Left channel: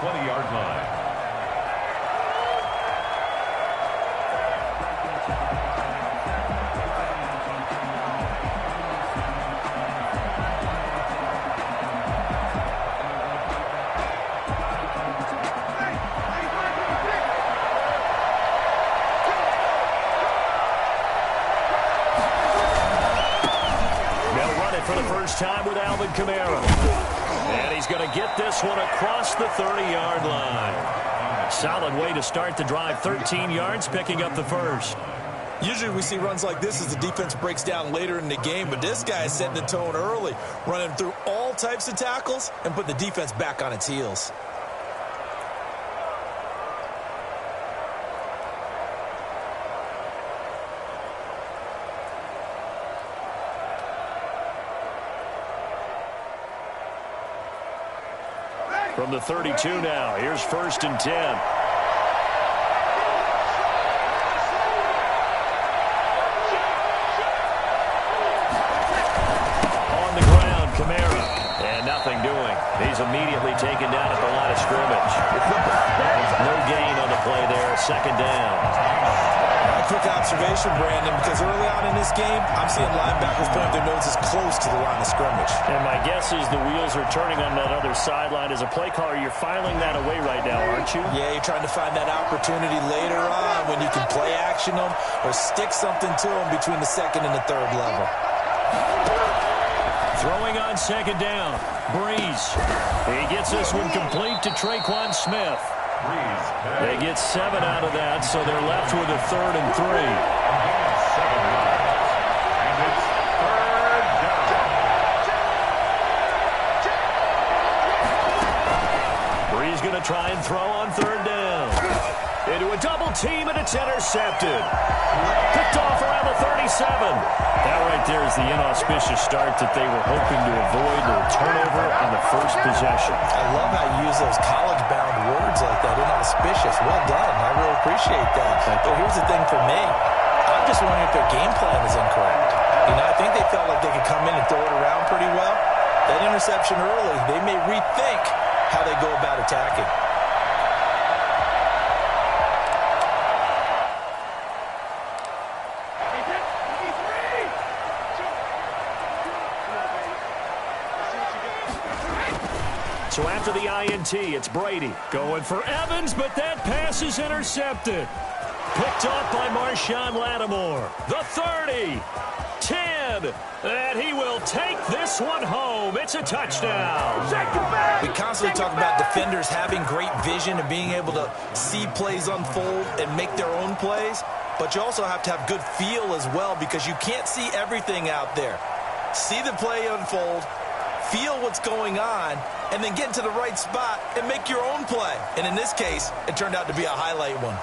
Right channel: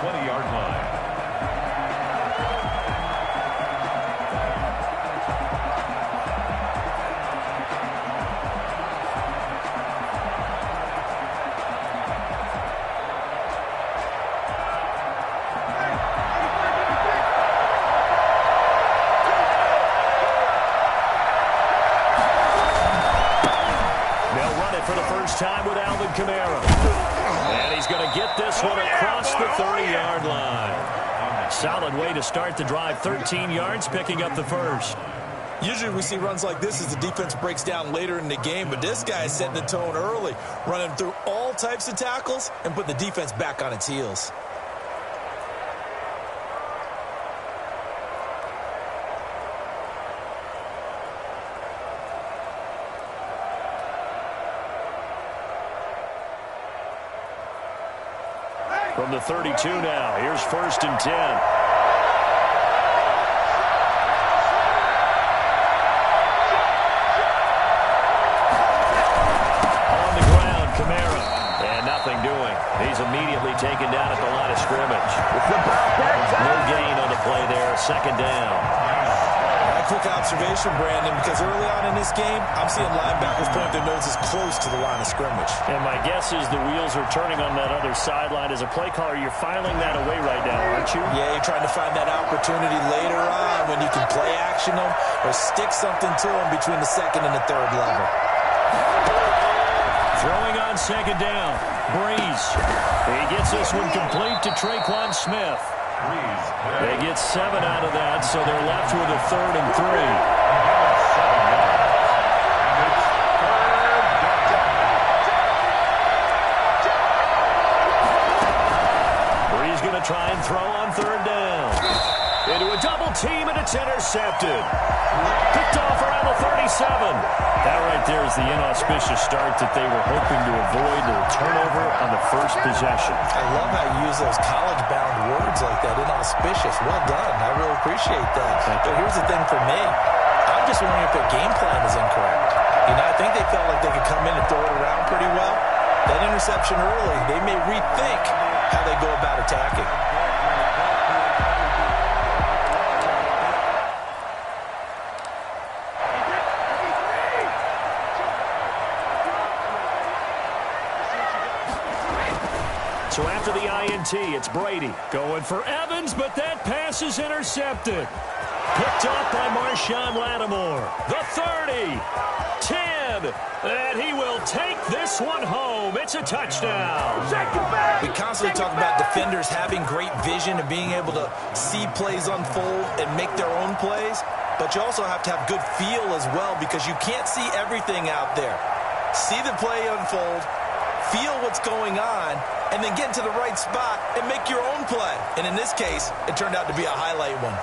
20-yard line. For the first time with Alvin Kamara. And he's going to get this one across the 30-yard line. Solid way to start the drive. 13 yards, picking up the first. Usually we see runs like this as the defense breaks down later in the game, but this guy is setting the tone early, running through all types of tackles and putting the defense back on its heels. From the 32 now, here's 1st and 10. On the ground, Kamara. And nothing doing. He's immediately taken down at the line of scrimmage. No gain on the play there. 2nd down. A quick observation, Brandon, because early on in this game, I'm seeing linebackers putting up their noses close to the line of scrimmage. And my guess is the wheels are turning on that other sideline. As a play caller, you're filing that away right now, aren't you? Yeah, you're trying to find that opportunity later on when you can play action them or stick something to them between the 2nd and the 3rd level. Throwing on 2nd down. Breeze. He gets this one complete to Traquan Smith. They get 7 out of that, so they're left with a 3rd and 3. 7 yards. And it's 3rd down. Breeze going to try and throw on 3rd down. Into a double team, and it's intercepted. Picked off around the 37. That right there is the inauspicious start that they were hoping to avoid, a turnover on the first possession. I love how you use those college-bound words like that, inauspicious. Well done. I really appreciate that. But here's the thing for me. I'm just wondering if their game plan is incorrect. You know, I think they felt like they could come in and throw it around pretty well. That interception early, they may rethink how they go about attacking. So after the INT, it's Brady going for Evans, but that pass is intercepted. Picked off by Marshawn Lattimore. The 30, 10, and he will take this one home. It's a touchdown. We constantly talk about defenders having great vision and being able to see plays unfold and make their own plays, but you also have to have good feel as well because you can't see everything out there. See the play unfold, feel what's going on, and then get into the right spot and make your own play. And in this case, it turned out to be a highlight one.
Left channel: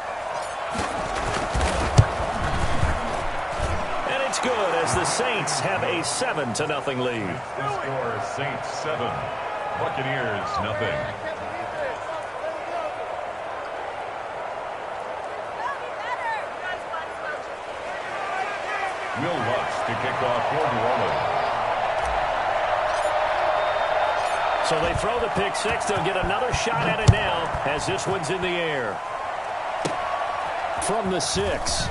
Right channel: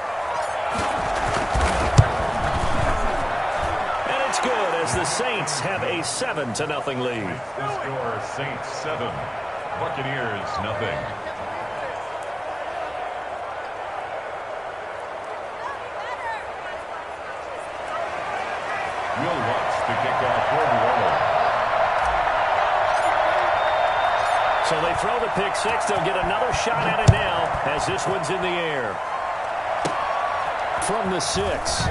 And it's good as the Saints have a 7-0 lead. The score, Saints 7, Buccaneers nothing. Will Lutz to kick off for New Orleans. So they throw the pick six. They'll get another shot at it now as this one's in the air. From the 6.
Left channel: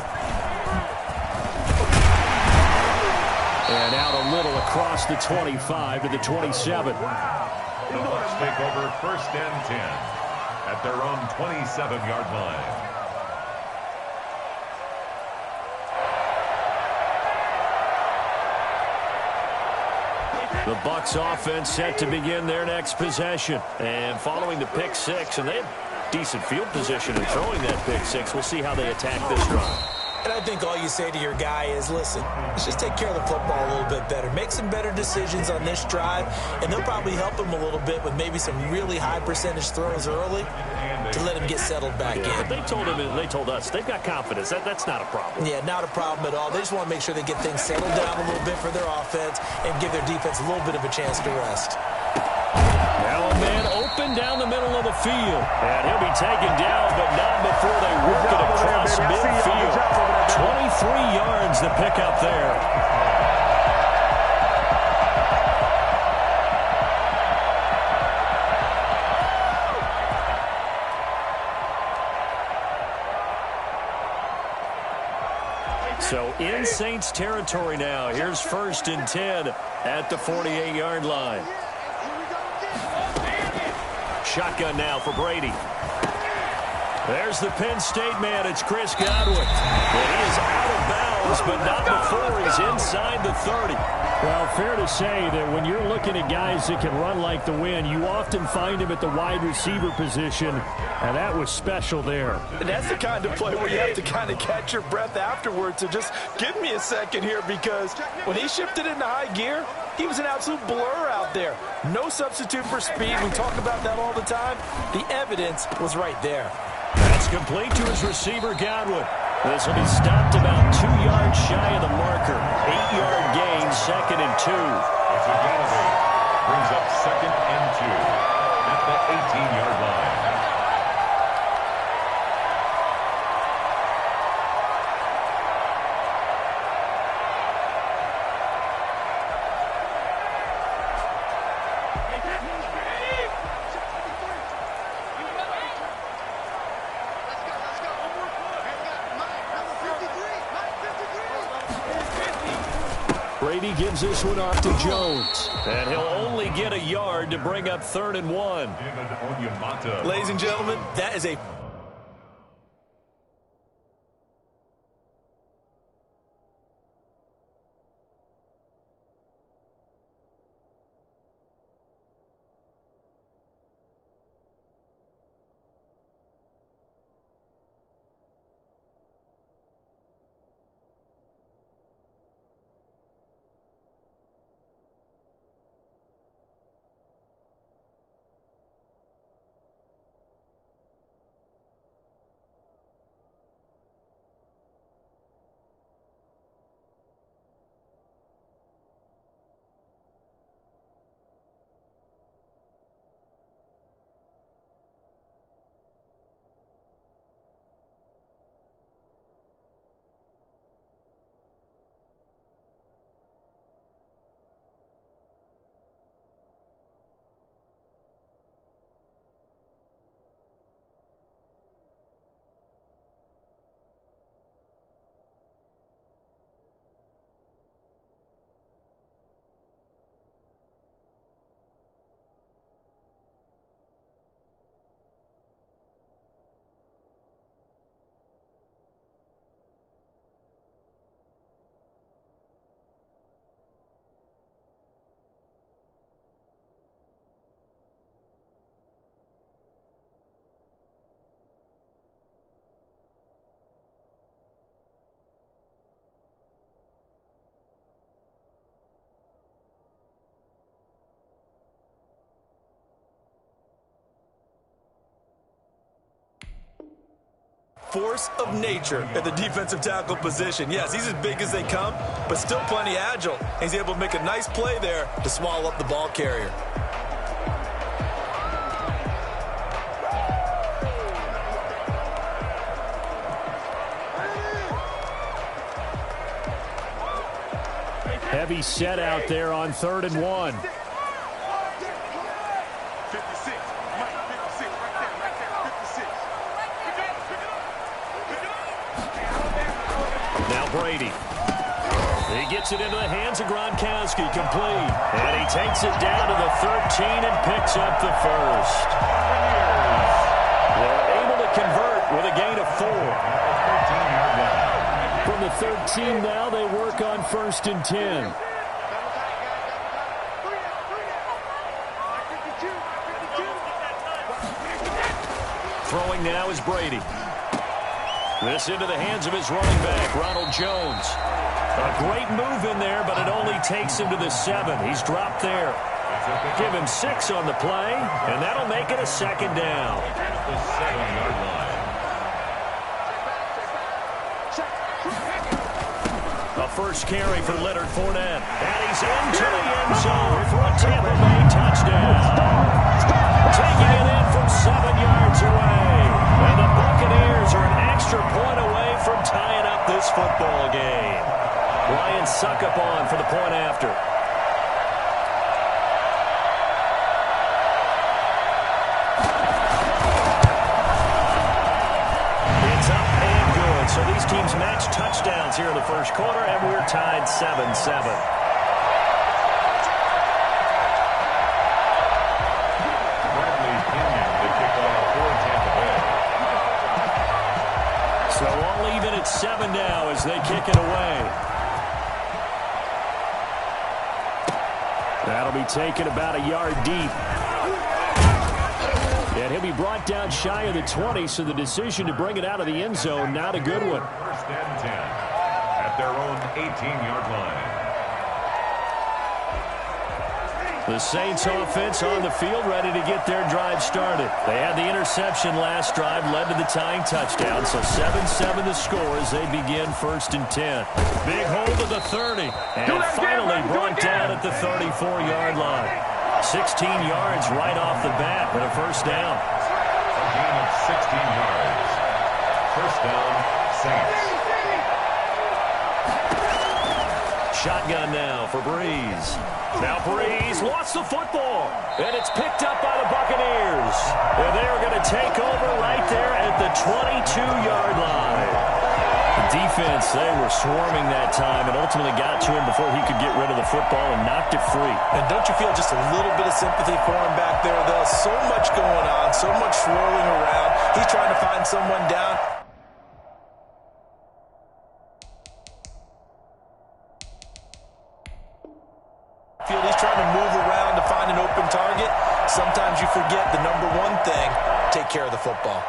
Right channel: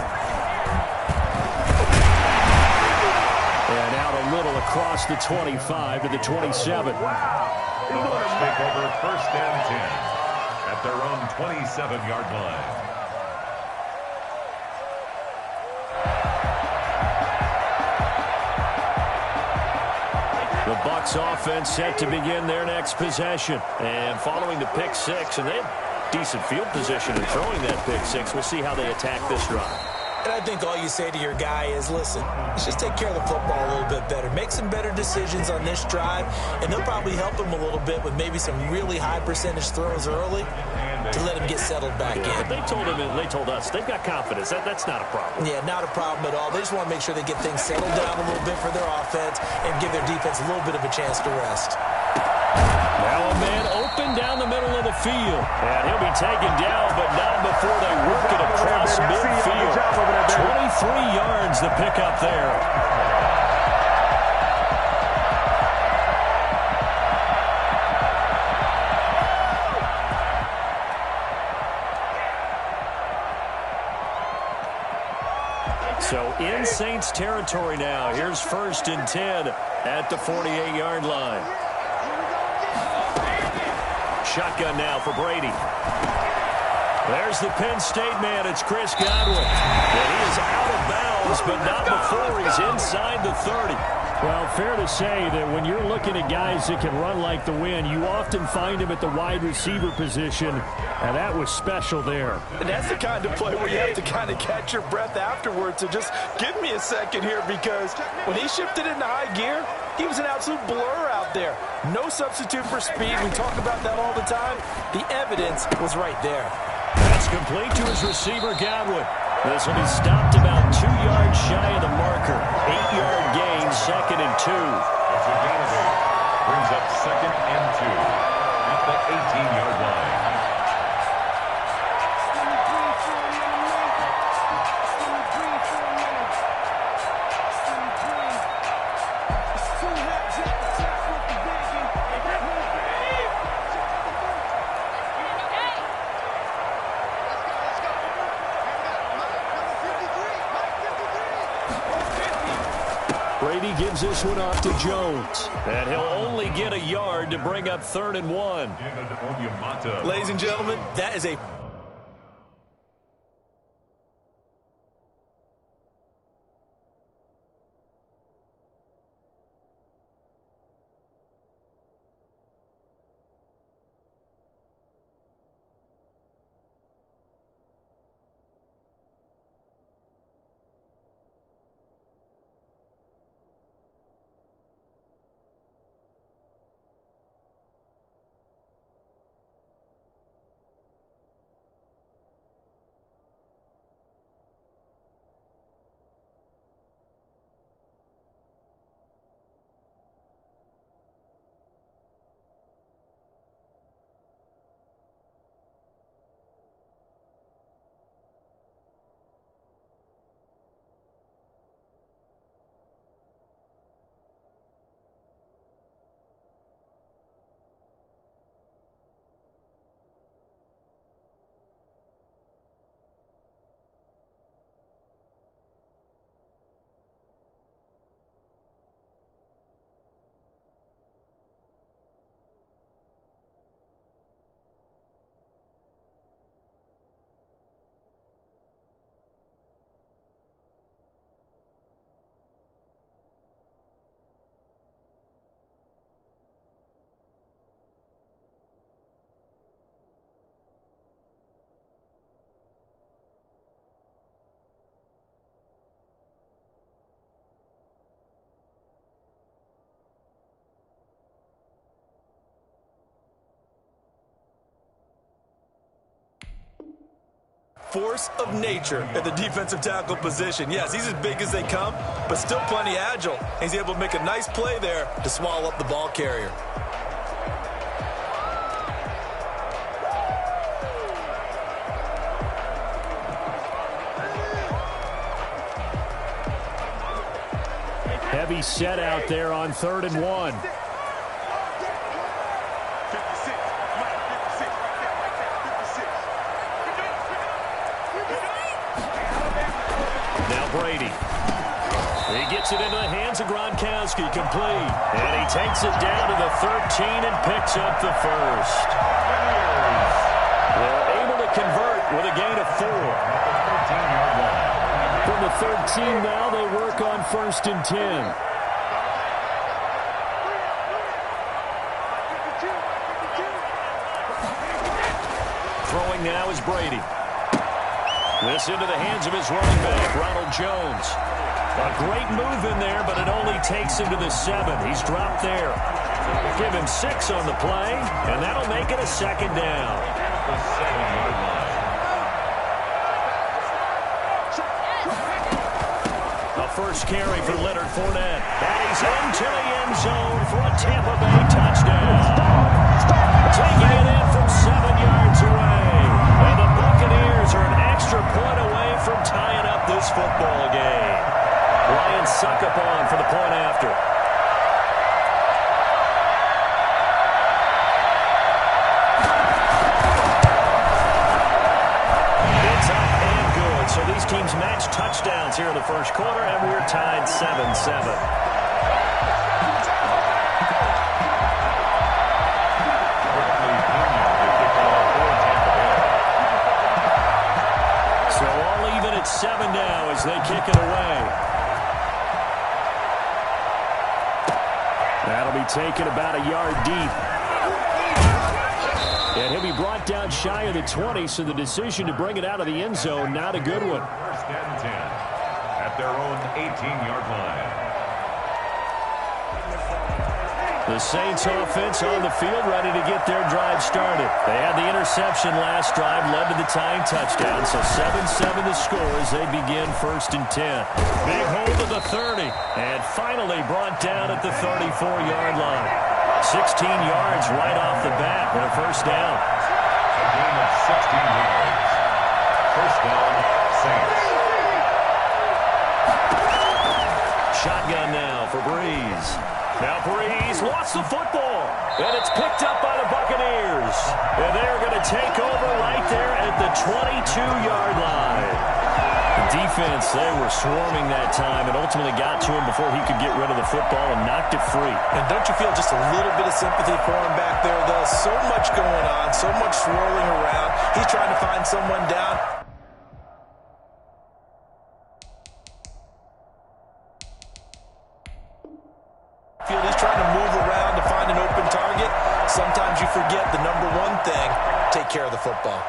And out a little across the 25 to the 27. The Bucs take over 1st and 10 at their own 27-yard line. The Bucs offense set to begin their next possession. And following the pick six, and they have decent field position in throwing that pick six. We'll see how they attack this drive. And I think all you say to your guy is, listen, let's just take care of the football a little bit better. Make some better decisions on this drive, and they'll probably help him a little bit with maybe some really high percentage throws early to let him get settled back in. They told him, and they told us, they've got confidence. That's not a problem. Yeah, not a problem at all. They just want to make sure they get things settled down a little bit for their offense and give their defense a little bit of a chance to rest. Now a man open down the middle of the field. And he'll be taken down, but not before they work it across midfield. 23 yards to pick up there. So in Saints territory now. Here's 1st and 10 at the 48-yard line. Shotgun now for Brady. There's the Penn State man. It's Chris Godwin. And he is out of bounds, but not before he's inside the 30. Well, fair to say that when you're looking at guys that can run like the wind, you often find him at the wide receiver position, and that was special there. And that's the kind of play where you have to kind of catch your breath afterwards. So just give me a second here, because when he shifted into high gear, he was an absolute blur out there. No substitute for speed. We talk about that all the time. The evidence was right there. That's complete to his receiver, Godwin. This will be stopped about 2 yards shy of the marker. 8-yard gain, 2nd and 2. It's a gain of 8. Brings up 2nd and 2 at the 18-yard line. Brady gives this one off to Jones. And he'll only get a yard to bring up 3rd and 1. Ladies and gentlemen, that is a force of nature at the defensive tackle position. Yes, he's as big as they come, but still plenty agile. He's able to make a nice play there to swallow up the ball carrier. Heavy set out there on 3rd and 1. Brady. He gets it into the hands of Gronkowski, complete. And he takes it down to the 13 and picks up the first. They're able to convert with a gain of 4. From the 13 now, they work on 1st and 10. Throwing now is Brady. This into the hands of his running back, Ronald Jones. A great move in there, but it only takes him to the 7. He's dropped there. Give him 6 on the play, and that'll make it a 2nd down. The 7-yard line. A first carry for Leonard Fournette. And he's into the end zone for a Tampa Bay touchdown. Taking it in from 7 yards away. And the Buccaneers are an extra point away from tying up this football game. Ryan Succop for the point after. It's up and good. So these teams match touchdowns here in the first quarter, and we're tied 7-7. Bradley Pinion to kick off for Tampa Bay. So all even at 7 now as they kick it away. That'll be taken about a yard deep. And he'll be brought down shy of the 20, so the decision to bring it out of the end zone, not a good one. First and 10 at their own 18-yard line. The Saints offense on the field, ready to get their drive started. They had the interception last drive, led to the tying touchdown, so 7-7 the score as they begin first and 10. Big hold of the 30, and finally brought down at the 34-yard line. 16 yards right off the bat and a first down. A gain of 16 yards. First down, Saints. Shotgun now for Breeze. Now Breeze lost the football, and it's picked up by the Buccaneers. And they're going to take over right there at the 22-yard line. The defense, they were swarming that time and ultimately got to him before he could get rid of the football and knocked it free. And don't you feel just a little bit of sympathy for him back there, though? So much going on, so much swirling around. He's trying to find someone down. He's trying to move around to find an open target. Sometimes you forget the number one thing, take care of the football.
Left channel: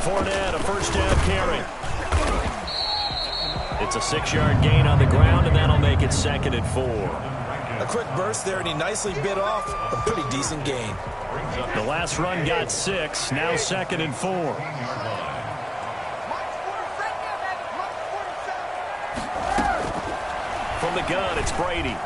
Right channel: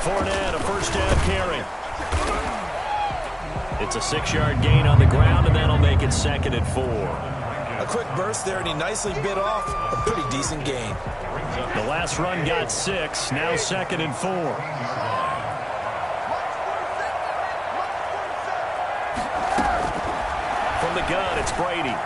Fournette, a first down carry. It's a 6-yard gain on the ground, and that'll make it 2nd and 4. A quick burst there, and he nicely bit off a pretty decent gain. The last run got 6, now 2nd and 4. From the gun, it's Brady.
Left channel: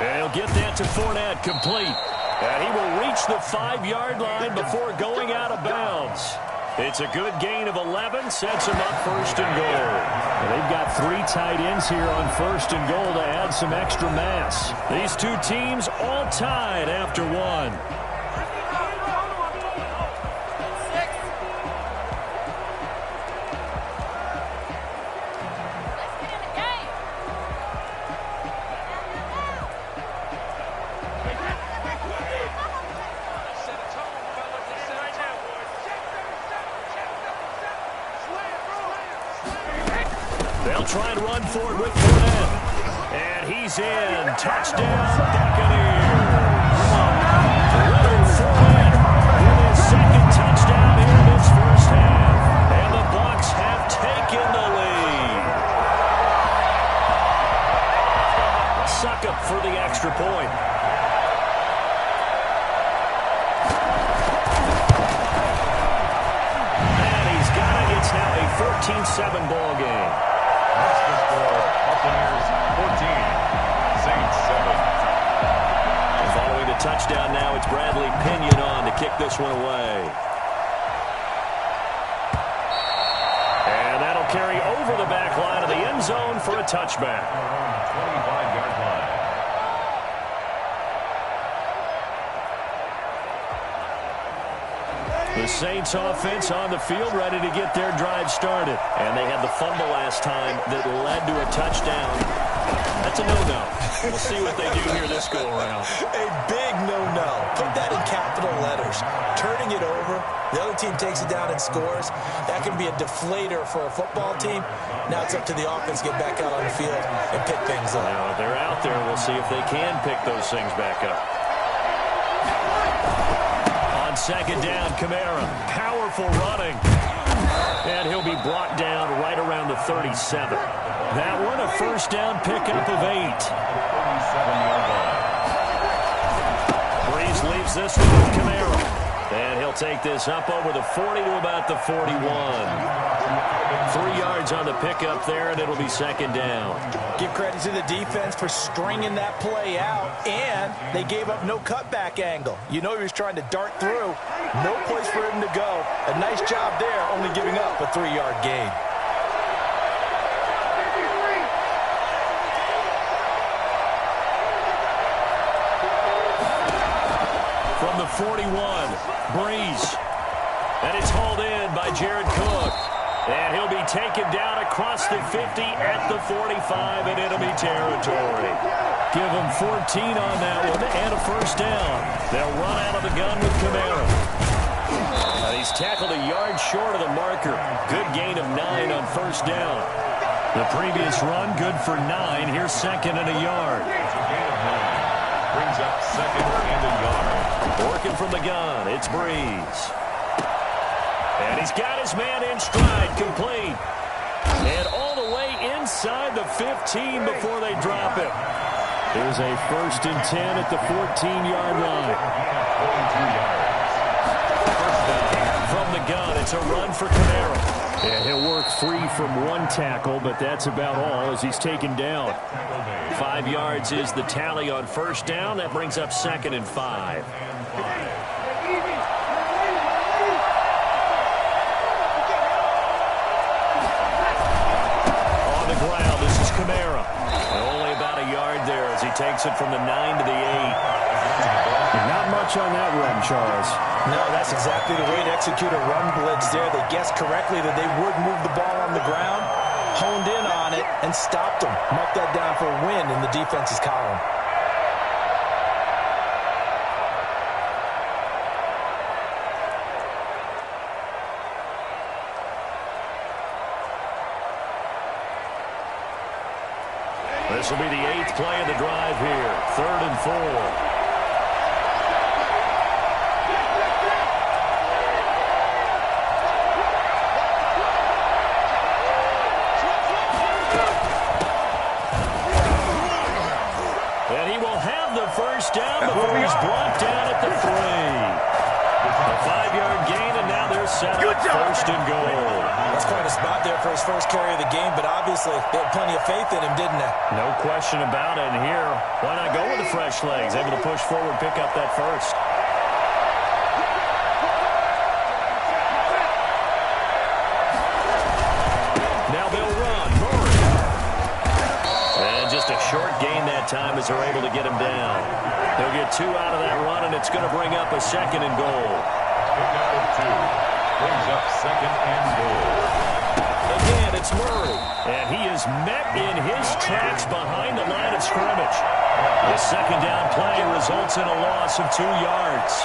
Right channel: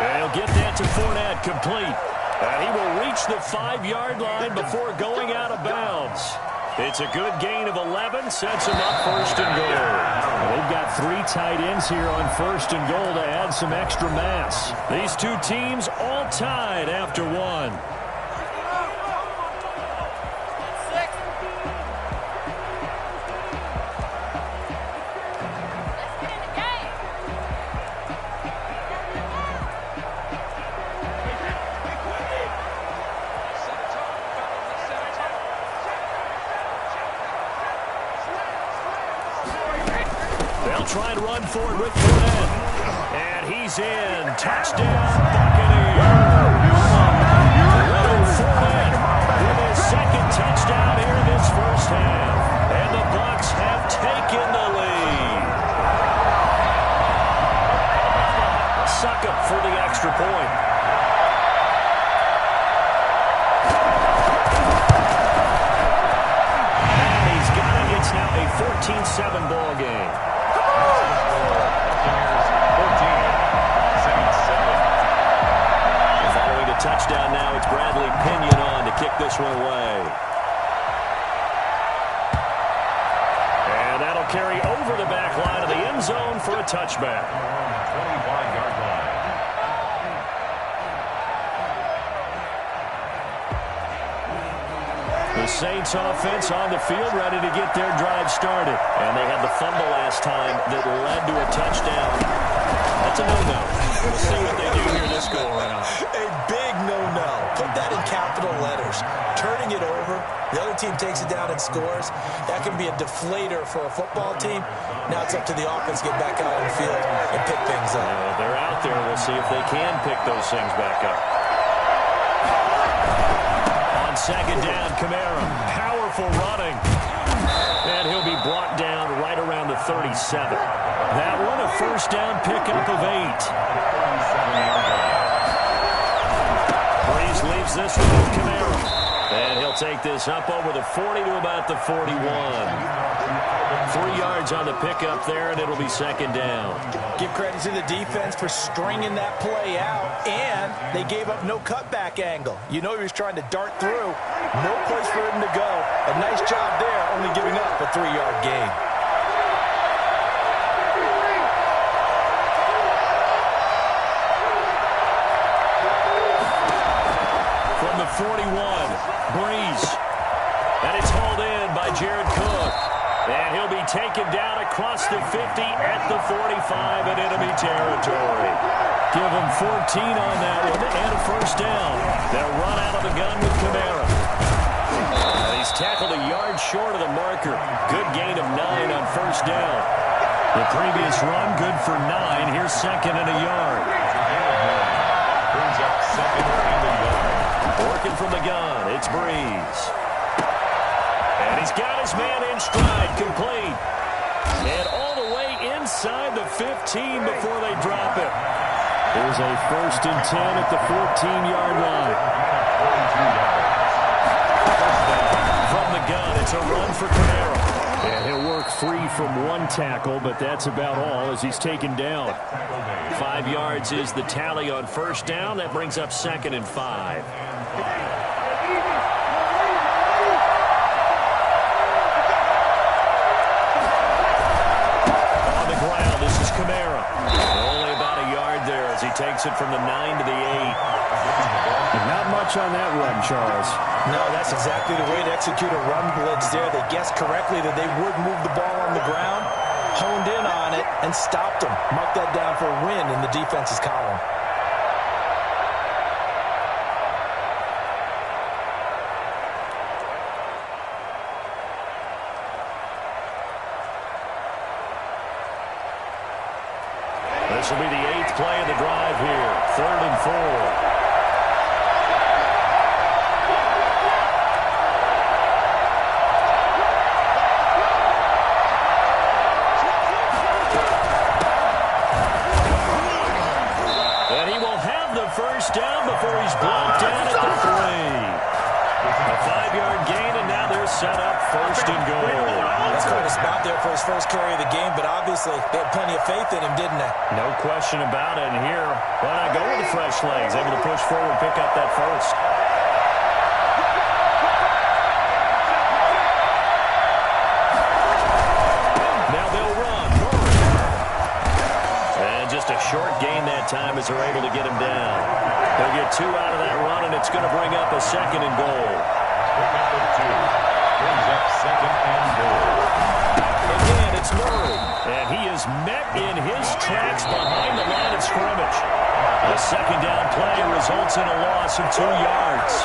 And he'll get that to Fournette, complete. And he will reach the 5-yard line before going out of bounds. It's a good gain of 11, sets him up first and goal. Well, they've got 3 tight ends here on first and goal to add some extra mass. These two teams all tied after 1. They'll try and run forward with Fournette. And he's in. Touchdown, Buccaneers. Leonard Fournette with his 2nd touchdown here in this first half. And the Bucs have taken the lead. Succop for the extra point. And he's got it. It's now a 14-7 ball game. That's the score. Buccaneers 14, Saints 7. And following the touchdown now, it's Bradley Pinion on to kick this one away. And that'll carry over the back line of the end zone for a touchback. 25-yard line. The Saints offense on the field ready to get their drive started. And they had the fumble last time that led to a touchdown. That's a no-no. We'll see what they do here this go-around. A big no-no. Put that in capital letters. Turning it over, the other team takes it down and scores. That can be a deflator for a football team. Now it's up to the offense to get back out on the field and pick things up. Now, if they're out there, we'll see if they can pick those things back up. On 2nd down, Kamara, powerful running. And he'll be brought down right around the 37. That one, a first down pickup of 8. 37-yard line. Breeze leaves this one with Kamara. And he'll take this up over the 40 to about the 41. 3 yards on the pickup there, and it'll be second down. Give credit to the defense for stringing that play out, and they gave up no cutback angle. You know he was trying to dart through. No place for him to go. A nice job there, only giving up a 3-yard gain. From the 41, Breeze. And it's hauled in by Jared Cook. And he'll be taken down across the 50 at the 45 in enemy territory. Give him 14 on that one and a first down. They'll run out of the gun with Kamara. And he's tackled a yard short of the marker. Good gain of 9 on first down. The previous run, good for 9. Here's second and a yard. Brings up second and a yard. Working from the gun, it's Breeze. And he's got his man in stride, complete. And all the way inside the 15 before they drop him. There's a 1st and 10 at the 14-yard line. 22 yards. First down. From the gun, it's a run for Kamara. And he'll work free from 1 tackle, but that's about all as he's taken down. 5 yards is the tally on first down. That brings up second and 5. On the ground, this is Kamara. Only about a yard there as he takes it from the 9 to the 8. Not much on that run, Charles. No, that's exactly the way to execute a run blitz there. They guessed correctly that they would move the ball on the ground, honed in on it, and stopped them. Mark that down for a win in the defense's column. This will be the 8th play of the drive here. 3rd and 4. And he will have the first down before he's blocked down at the 3. A 5-yard gain, and now they're set up 1st and goal. That's quite a spot there for his first carry of the game, but obviously they had plenty of faith in him, didn't they? No question about it. And here, why not go with the fresh legs? Able to push forward, pick up that first. Now they'll run. Murray. And just a short gain that time as they're able to get him down. They'll get 2 out of that run, and it's going to bring up a 2nd and goal. Pick up of 2. Brings up 2nd and goal. Again, it's Murray. And he is met in his tracks behind the line of scrimmage. The 2nd down play results in a loss of 2 yards.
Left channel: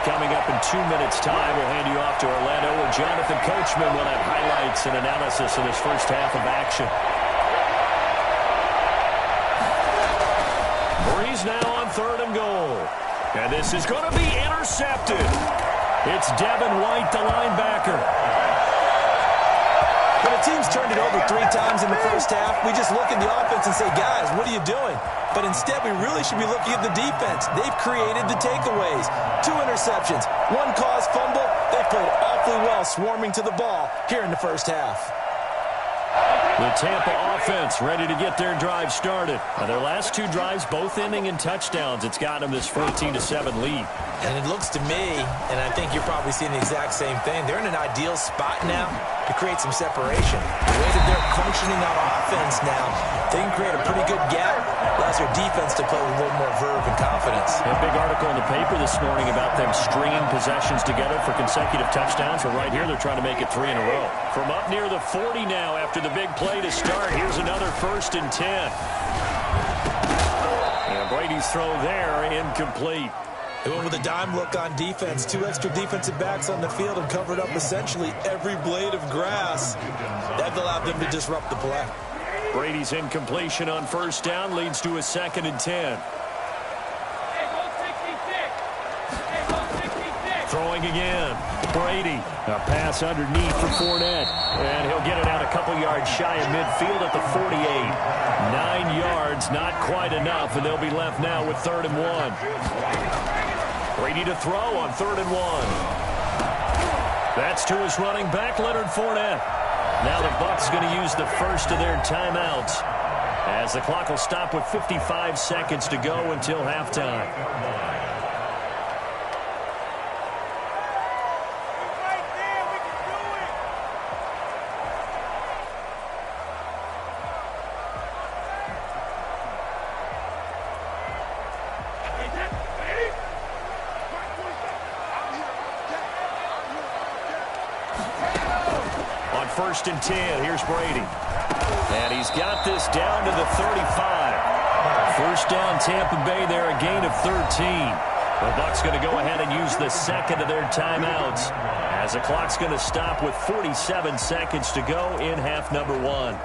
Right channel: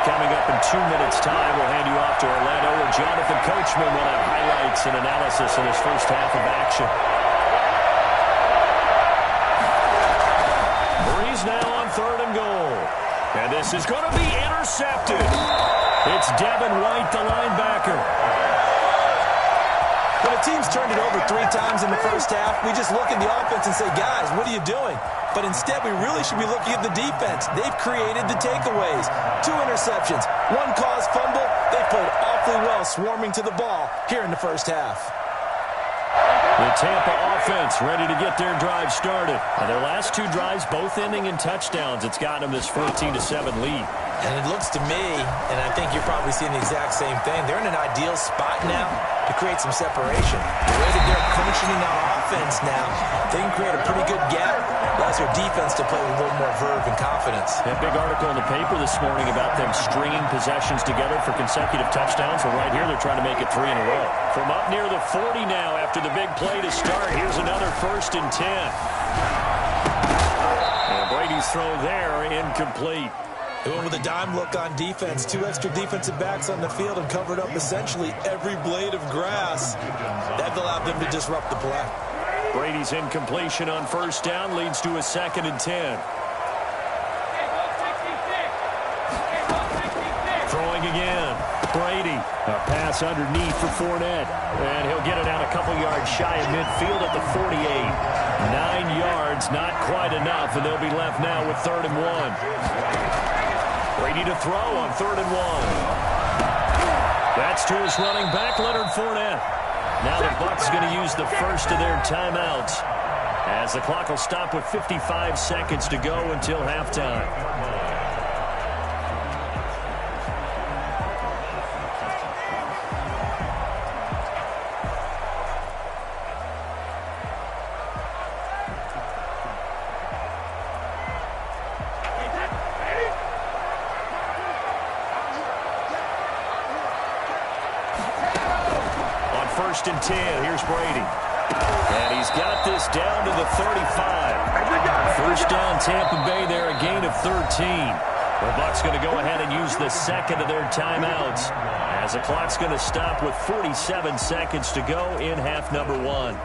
Coming up in 2 minutes' time, we'll hand you off to Orlando, where Jonathan Coachman will have highlights and analysis of this first half of action. Breeze now on 3rd and goal. And this is going to be intercepted. It's Devin White, the linebacker. When a team's turned it over 3 times in the first half, we just look at the offense and say, guys, what are you doing? But instead, we really should be looking at the defense. They've created the takeaways. 2 interceptions, 1 caused fumble. They played awfully well swarming to the ball here in the first half. The Tampa offense ready to get their drive started. Their last 2 drives both ending in touchdowns. It's got them this 14-7 lead. And it looks to me, and I think you're probably seeing the exact same thing, they're in an ideal spot now to create some separation. The way that they're functioning on offense now, they can create a pretty good gap. Allows their defense to play with a little more verve and confidence. That big article in the paper this morning about them stringing possessions together for consecutive touchdowns. Well, right here, they're trying to make it 3 in a row. From up near the 40 now after the big play to start, here's another 1st and 10. And Brady's throw there, incomplete. They went with a dime look on defense. 2 extra defensive backs on the field and covered up essentially every blade of grass. That allowed them to disrupt the play. Brady's incompletion on first down leads to a 2nd and 10. Throwing again. Brady. A pass underneath for Fournette. And he'll get it out a couple yards shy of midfield at the 48. 9 yards, not quite enough, and they'll be left now with 3rd and 1. Brady to throw on 3rd and 1. That's to his running back, Leonard Fournette. Now the Bucs going to use the first of their timeouts, as the clock will stop with 55 seconds to go until halftime. On 1st and 10, here's Brady. And he's got this down to the 35. First down, Tampa Bay there, a gain of 13. The Bucs going to go ahead and use the second of their timeouts, as the clock's going to stop with 47 seconds to go in half number 1.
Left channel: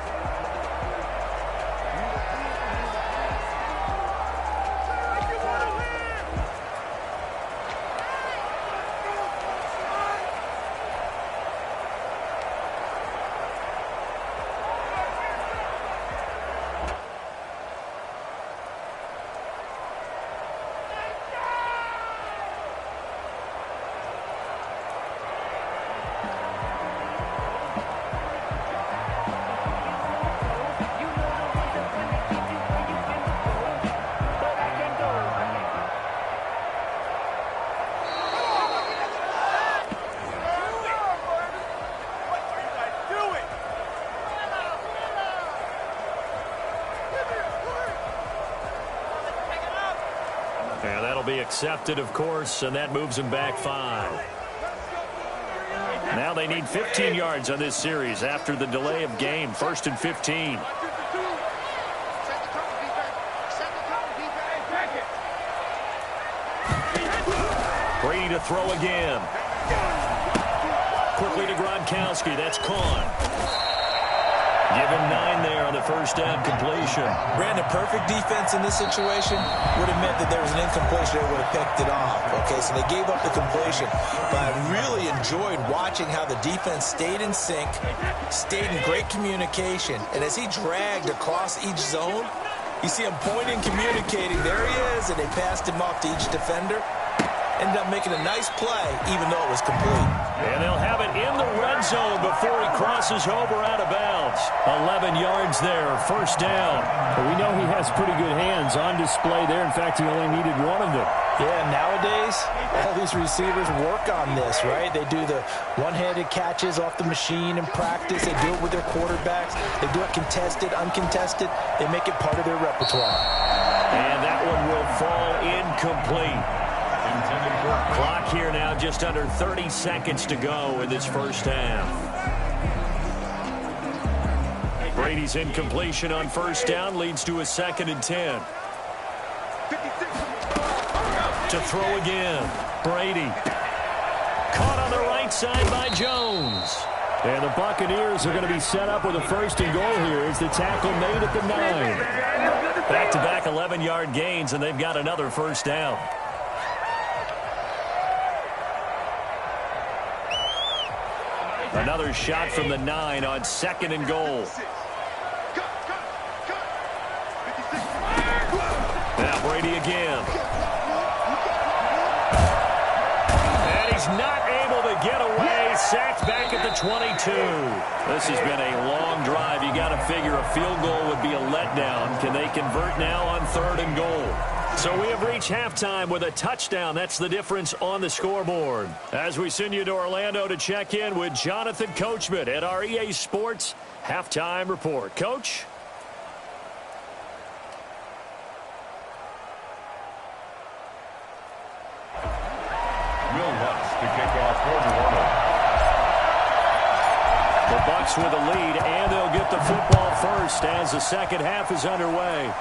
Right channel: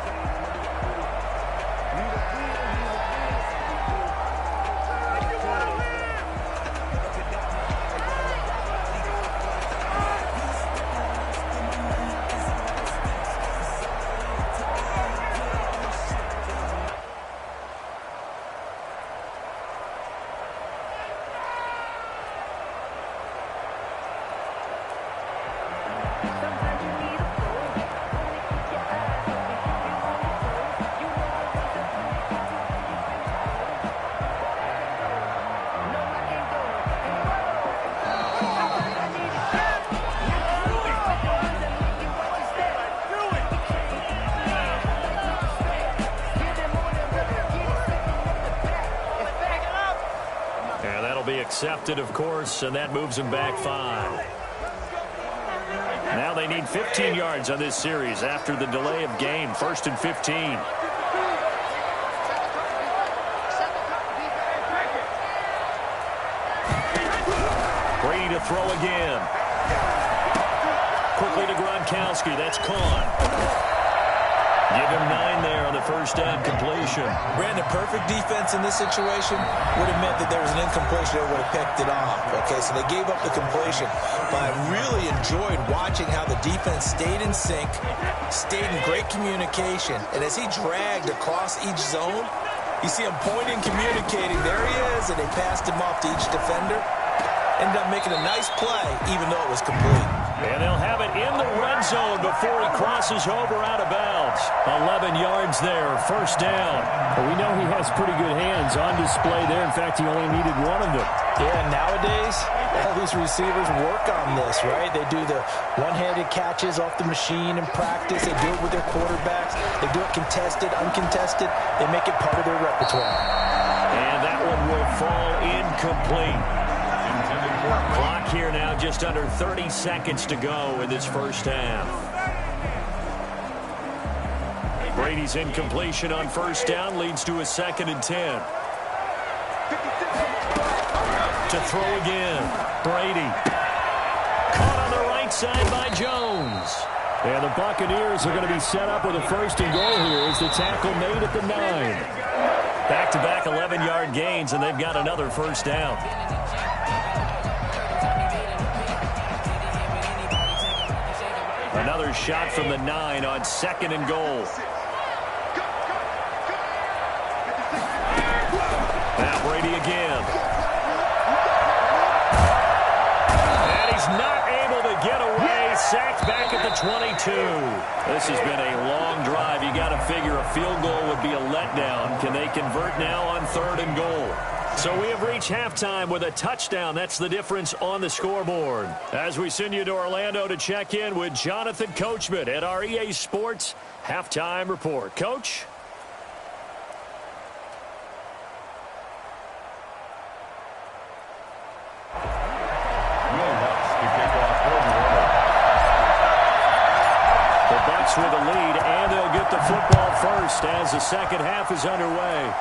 And that'll be accepted, of course, and that moves them back 5. Now they need 15 yards on this series after the delay of game. 1st and 15. Brady to throw again. Quickly to Gronkowski. That's Kahn. Give him 9 there on the first down completion. Brandon, perfect defense in this situation would have meant that there was an incompletion. They would have picked it off. Okay, so they gave up the completion. But I really enjoyed watching how the defense stayed in sync, stayed in great communication. And as he dragged across each zone, you see him pointing, communicating. There he is, and they passed him off to each defender. Ended up making a nice play, even though it was complete. And they'll have it in the red zone before he crosses over out of bounds. 11 yards there, first down. Well, we know he has pretty good hands on display there. In fact, he only needed one of them. Yeah, nowadays, all these receivers work on this, right? They do the one-handed catches off the machine in practice. They do it with their quarterbacks. They do it contested, uncontested. They make it part of their repertoire. And that one will fall incomplete. Clock here now, just under 30 seconds to go in this first half. Brady's incompletion on first down leads to a 2nd and 10. To throw again, Brady. Caught on the right side by Jones. And the Buccaneers are going to be set up with a 1st and goal here as the tackle made at the 9. Back-to-back 11-yard gains, and they've got another first down. Another shot from the 9 on 2nd and goal. Now Brady again. And he's not able to get away. Sacked back at the 22. This has been a long drive. You got to figure a field goal would be a letdown. Can they convert now on 3rd and goal? So we have reached halftime with a touchdown. That's the difference on the scoreboard. As we send you to Orlando to check in with Jonathan Coachman at our EA Sports Halftime Report. Coach? Will Lutz to kick off for New Orleans. The Bucs with the lead, and they'll get the football first as the second half is underway.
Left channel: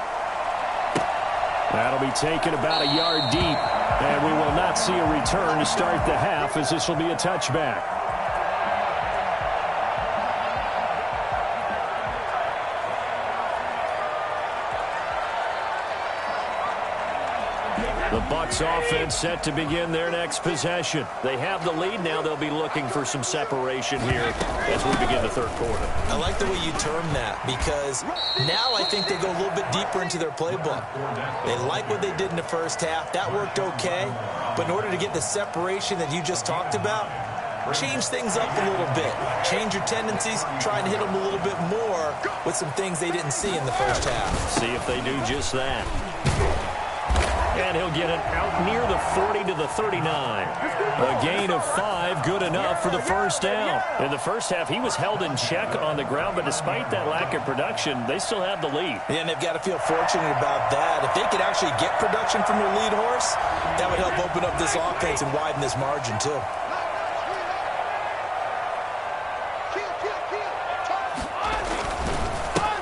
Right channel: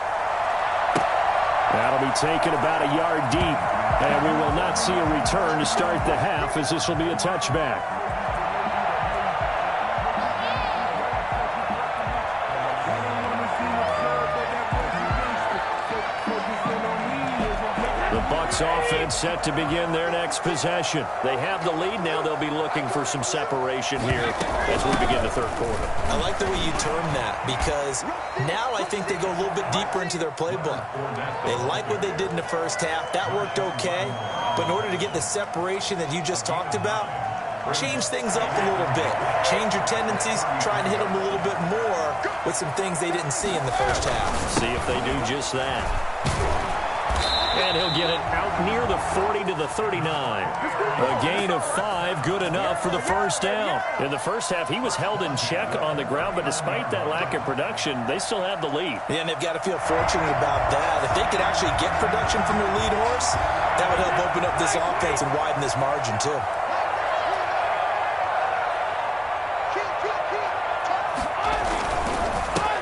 That'll be taken about a yard deep, and we will not see a return to start the half, as this will be a touchback. The Bucs offense set to begin their next possession. They have the lead. Now they'll be looking for some separation here as we begin the third quarter. I like the way you term that because now I think they go a little bit deeper into their playbook. They like what they did in the first half. That worked okay. But in order to get the separation that you just talked about, change things up a little bit. Change your tendencies, try and hit them a little bit more with some things they didn't see in the first half. See if they do just that. And he'll get it out near the 40 to the 39. A gain of 5, good enough for the first down. In the first half, he was held in check on the ground, but despite that lack of production, they still have the lead. Yeah, and they've got to feel fortunate about that. If they could actually get production from their lead horse, that would help open up this offense and widen this margin too.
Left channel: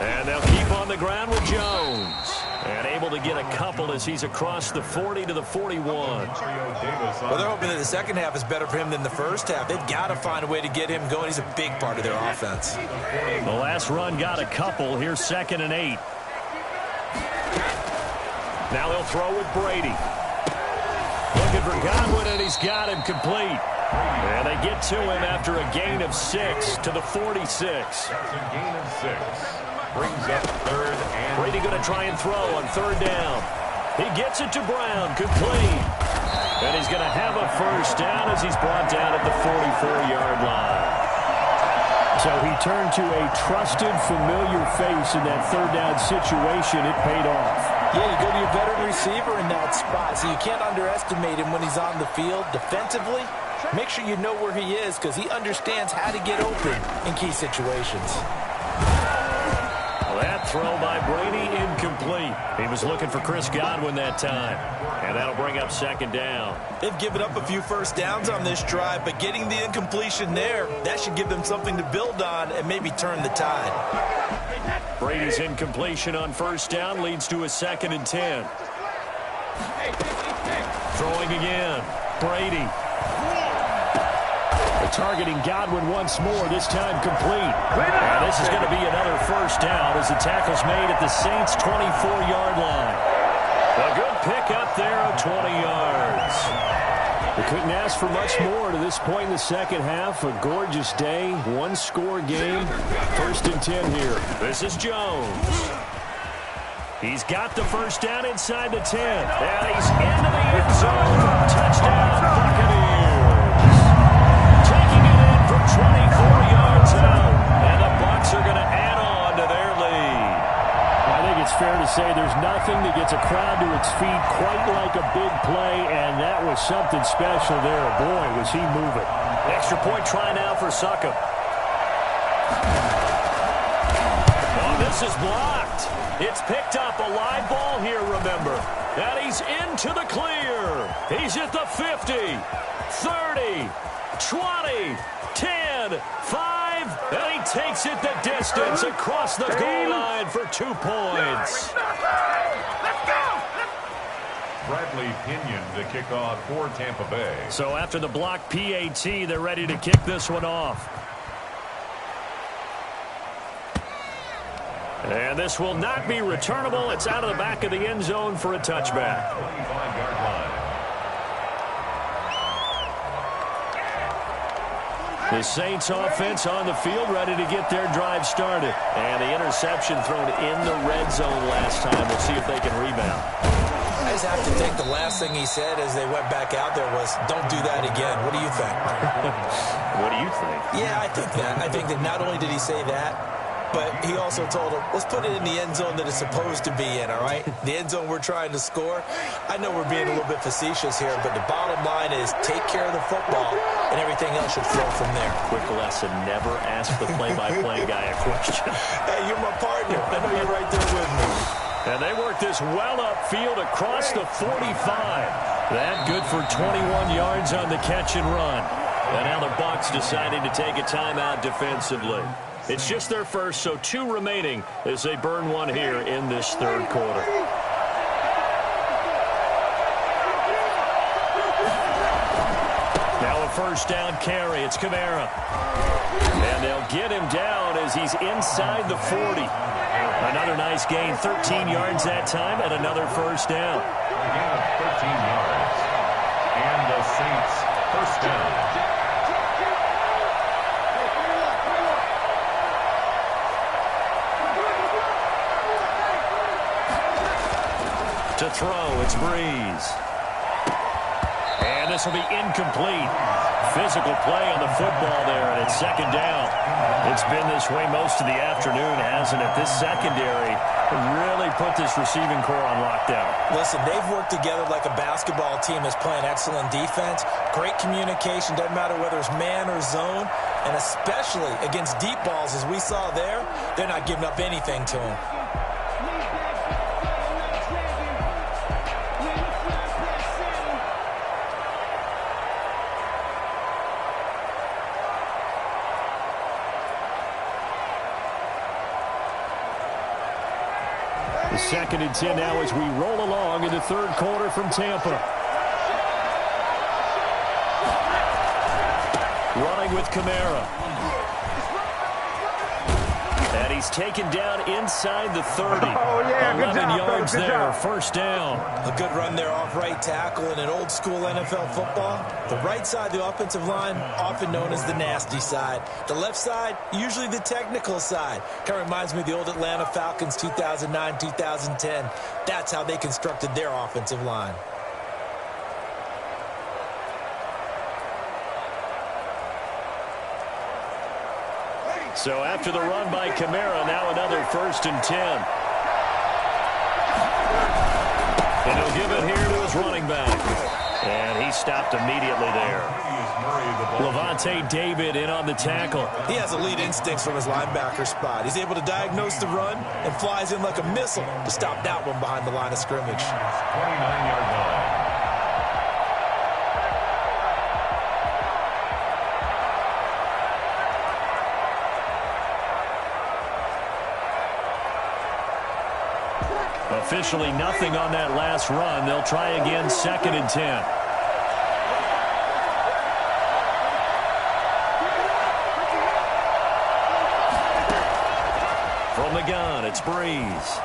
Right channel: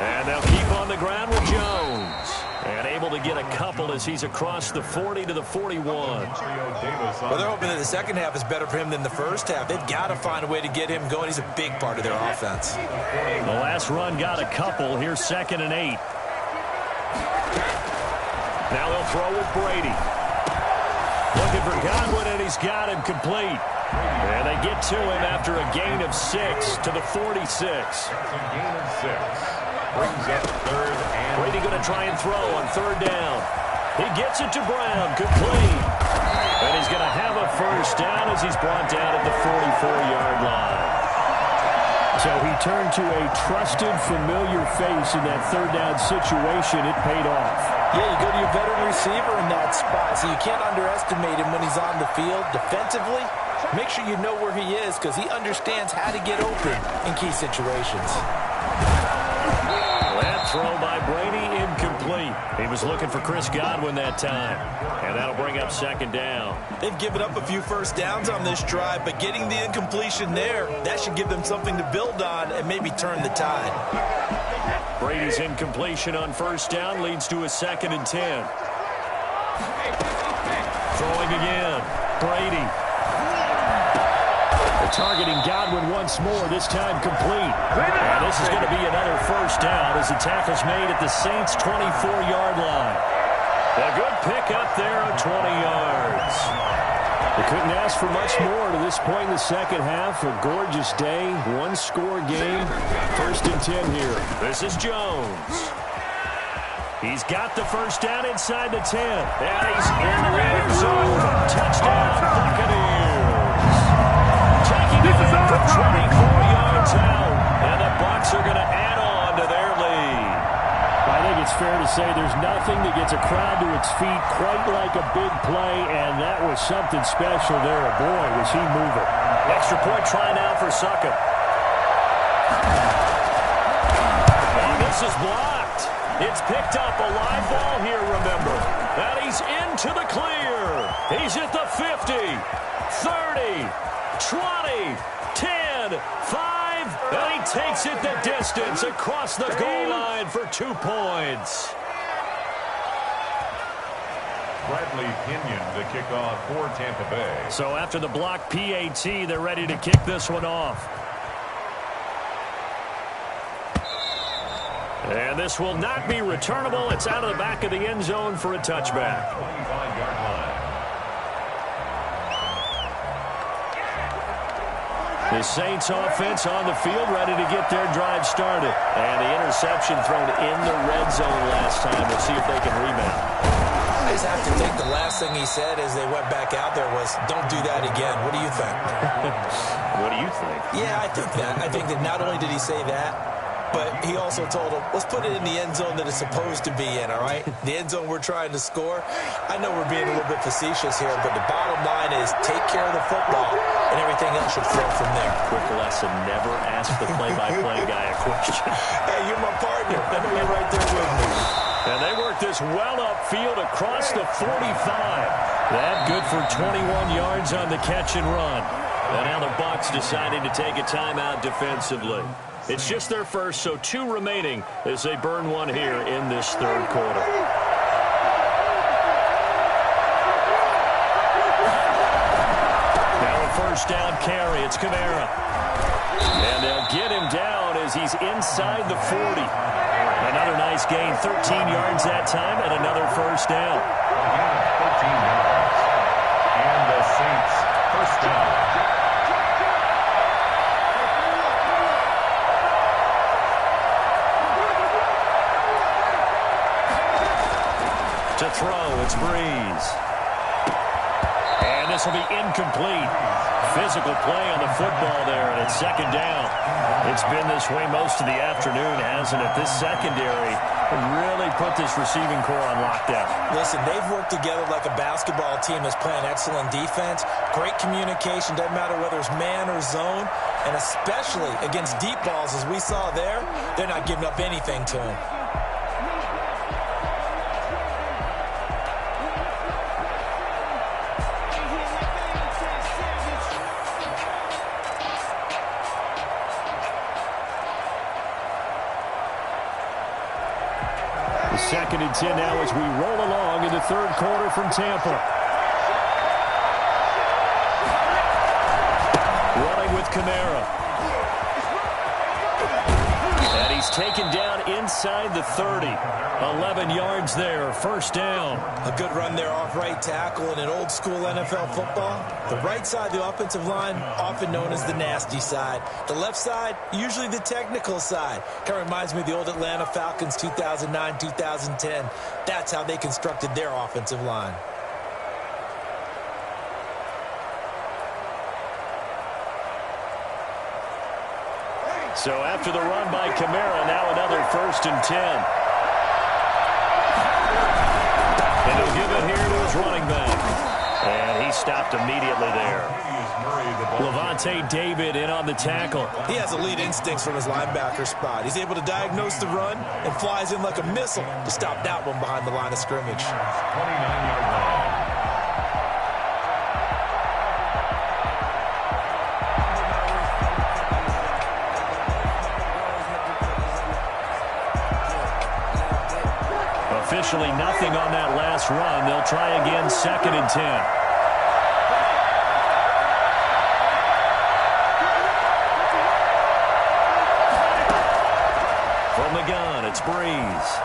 And they'll keep on the ground with Jones. And able to get a couple as he's across the 40 to the 41. Well, they're hoping that the second half is better for him than the first half. They've got to find a way to get him going. He's a big part of their offense. The last run got a couple. Here's 2nd and 8. Now they'll throw with Brady. Looking for Godwin, and he's got him complete. And they get to him after a gain of 6 to the 46. That's a gain of 6. Brings up 3rd and... Brady going to try and throw on 3rd down. He gets it to Brown, complete. And he's going to have a first down as he's brought down at the 44-yard line. So he turned to a trusted, familiar face in that 3rd down situation. It paid off. Yeah, you go to your veteran receiver in that spot, so you can't underestimate him when he's on the field. Defensively, make sure you know where he is because he understands how to get open in key situations. That throw by Brady incomplete. He was looking for Chris Godwin that time. And that'll bring up 2nd down. They've given up a few first downs on this drive, but getting the incompletion there, that should give them something to build on and maybe turn the tide. Brady's incompletion on 1st down leads to a 2nd and 10. Throwing again. Brady. Targeting Godwin once more, this time complete. And this is going to be another first down as the tackle's made at the Saints' 24-yard line. A good pickup there of 20 yards. They couldn't ask for much more to this point in the second half. A gorgeous day, one-score game. 1st and 10 here. This is Jones. He's got the first down inside the 10. And he's into the end zone. Touchdown, Buccaneers. Taking it in from 24 yards out. And the Bucs are going to add on to their lead. I think it's fair to say there's nothing that gets a crowd to its feet quite like a big play, and that was something special there. Boy, was he moving. Extra point try now for Succop. Oh, this is blocked. It's picked up. A live ball here, remember. And he's into the clear. He's at the 50, 30, 20, 10, 5, and he takes it the distance across the goal line for 2 points. Bradley Pinion the kickoff for Tampa Bay. So after the block PAT, they're ready to kick this one off. And this will not be returnable. It's out of the back of the end zone for a touchback. 25-yard line. The Saints offense on the field ready to get their drive started. And the interception thrown in the red zone last time. We'll see if they can rebound. I just have to think the last thing he said as they went back out there was, don't do that again. What do you think? What do you think? Yeah, I think that. I think that not only did he say that, but he also told him, let's put it in the end zone that it's supposed to be in, all right? The end zone we're trying to score. I know we're being a little bit facetious here, but the bottom line is take care of the football, and everything else should flow from there. Quick lesson, never ask the play-by-play guy a question. Hey, you're my partner. I know you're right there with me. And they work this well upfield across the 45. That good for 21 yards on the catch and run. And now the Bucs deciding to take a timeout defensively. It's just their first, so 2 remaining as they burn one here in this third quarter. Now a first down carry. It's Kamara. And they'll get him down as he's inside the 40. Another nice gain, 13 yards that time, and another first down. A gain of 13 yards. throw. It's Breeze. And this will be incomplete. Physical play on the football there, and it's second down. It's been this way most of the afternoon, hasn't it? This secondary really put this receiving core on lockdown. Listen, they've worked together like a basketball team that's playing excellent defense. Great communication, doesn't matter whether it's man or zone, and especially against deep balls, as we saw there, they're not giving up anything to them. The 2nd and 10 now as we roll along in the third quarter from Tampa. Running with Kamara. And he's taken down inside the 30. 11 yards there, first down. A good run there off right tackle in an old school NFL football. The right side of the offensive line, often known as the nasty side. The left side, usually the technical side. Kind of reminds me of the old Atlanta Falcons 2009-2010. That's how they constructed their offensive line. So after the run by Kamara, now another 1st and 10. And he'll give it here to his running back. And he stopped immediately there. Lavonte David in on the tackle. He has elite instincts from his linebacker spot. He's able to diagnose the run and flies in like a missile to stop that one behind the line of scrimmage. 29-yard line. Officially nothing on that last run. They'll try again, 2nd and 10. From the gun, it's Breeze.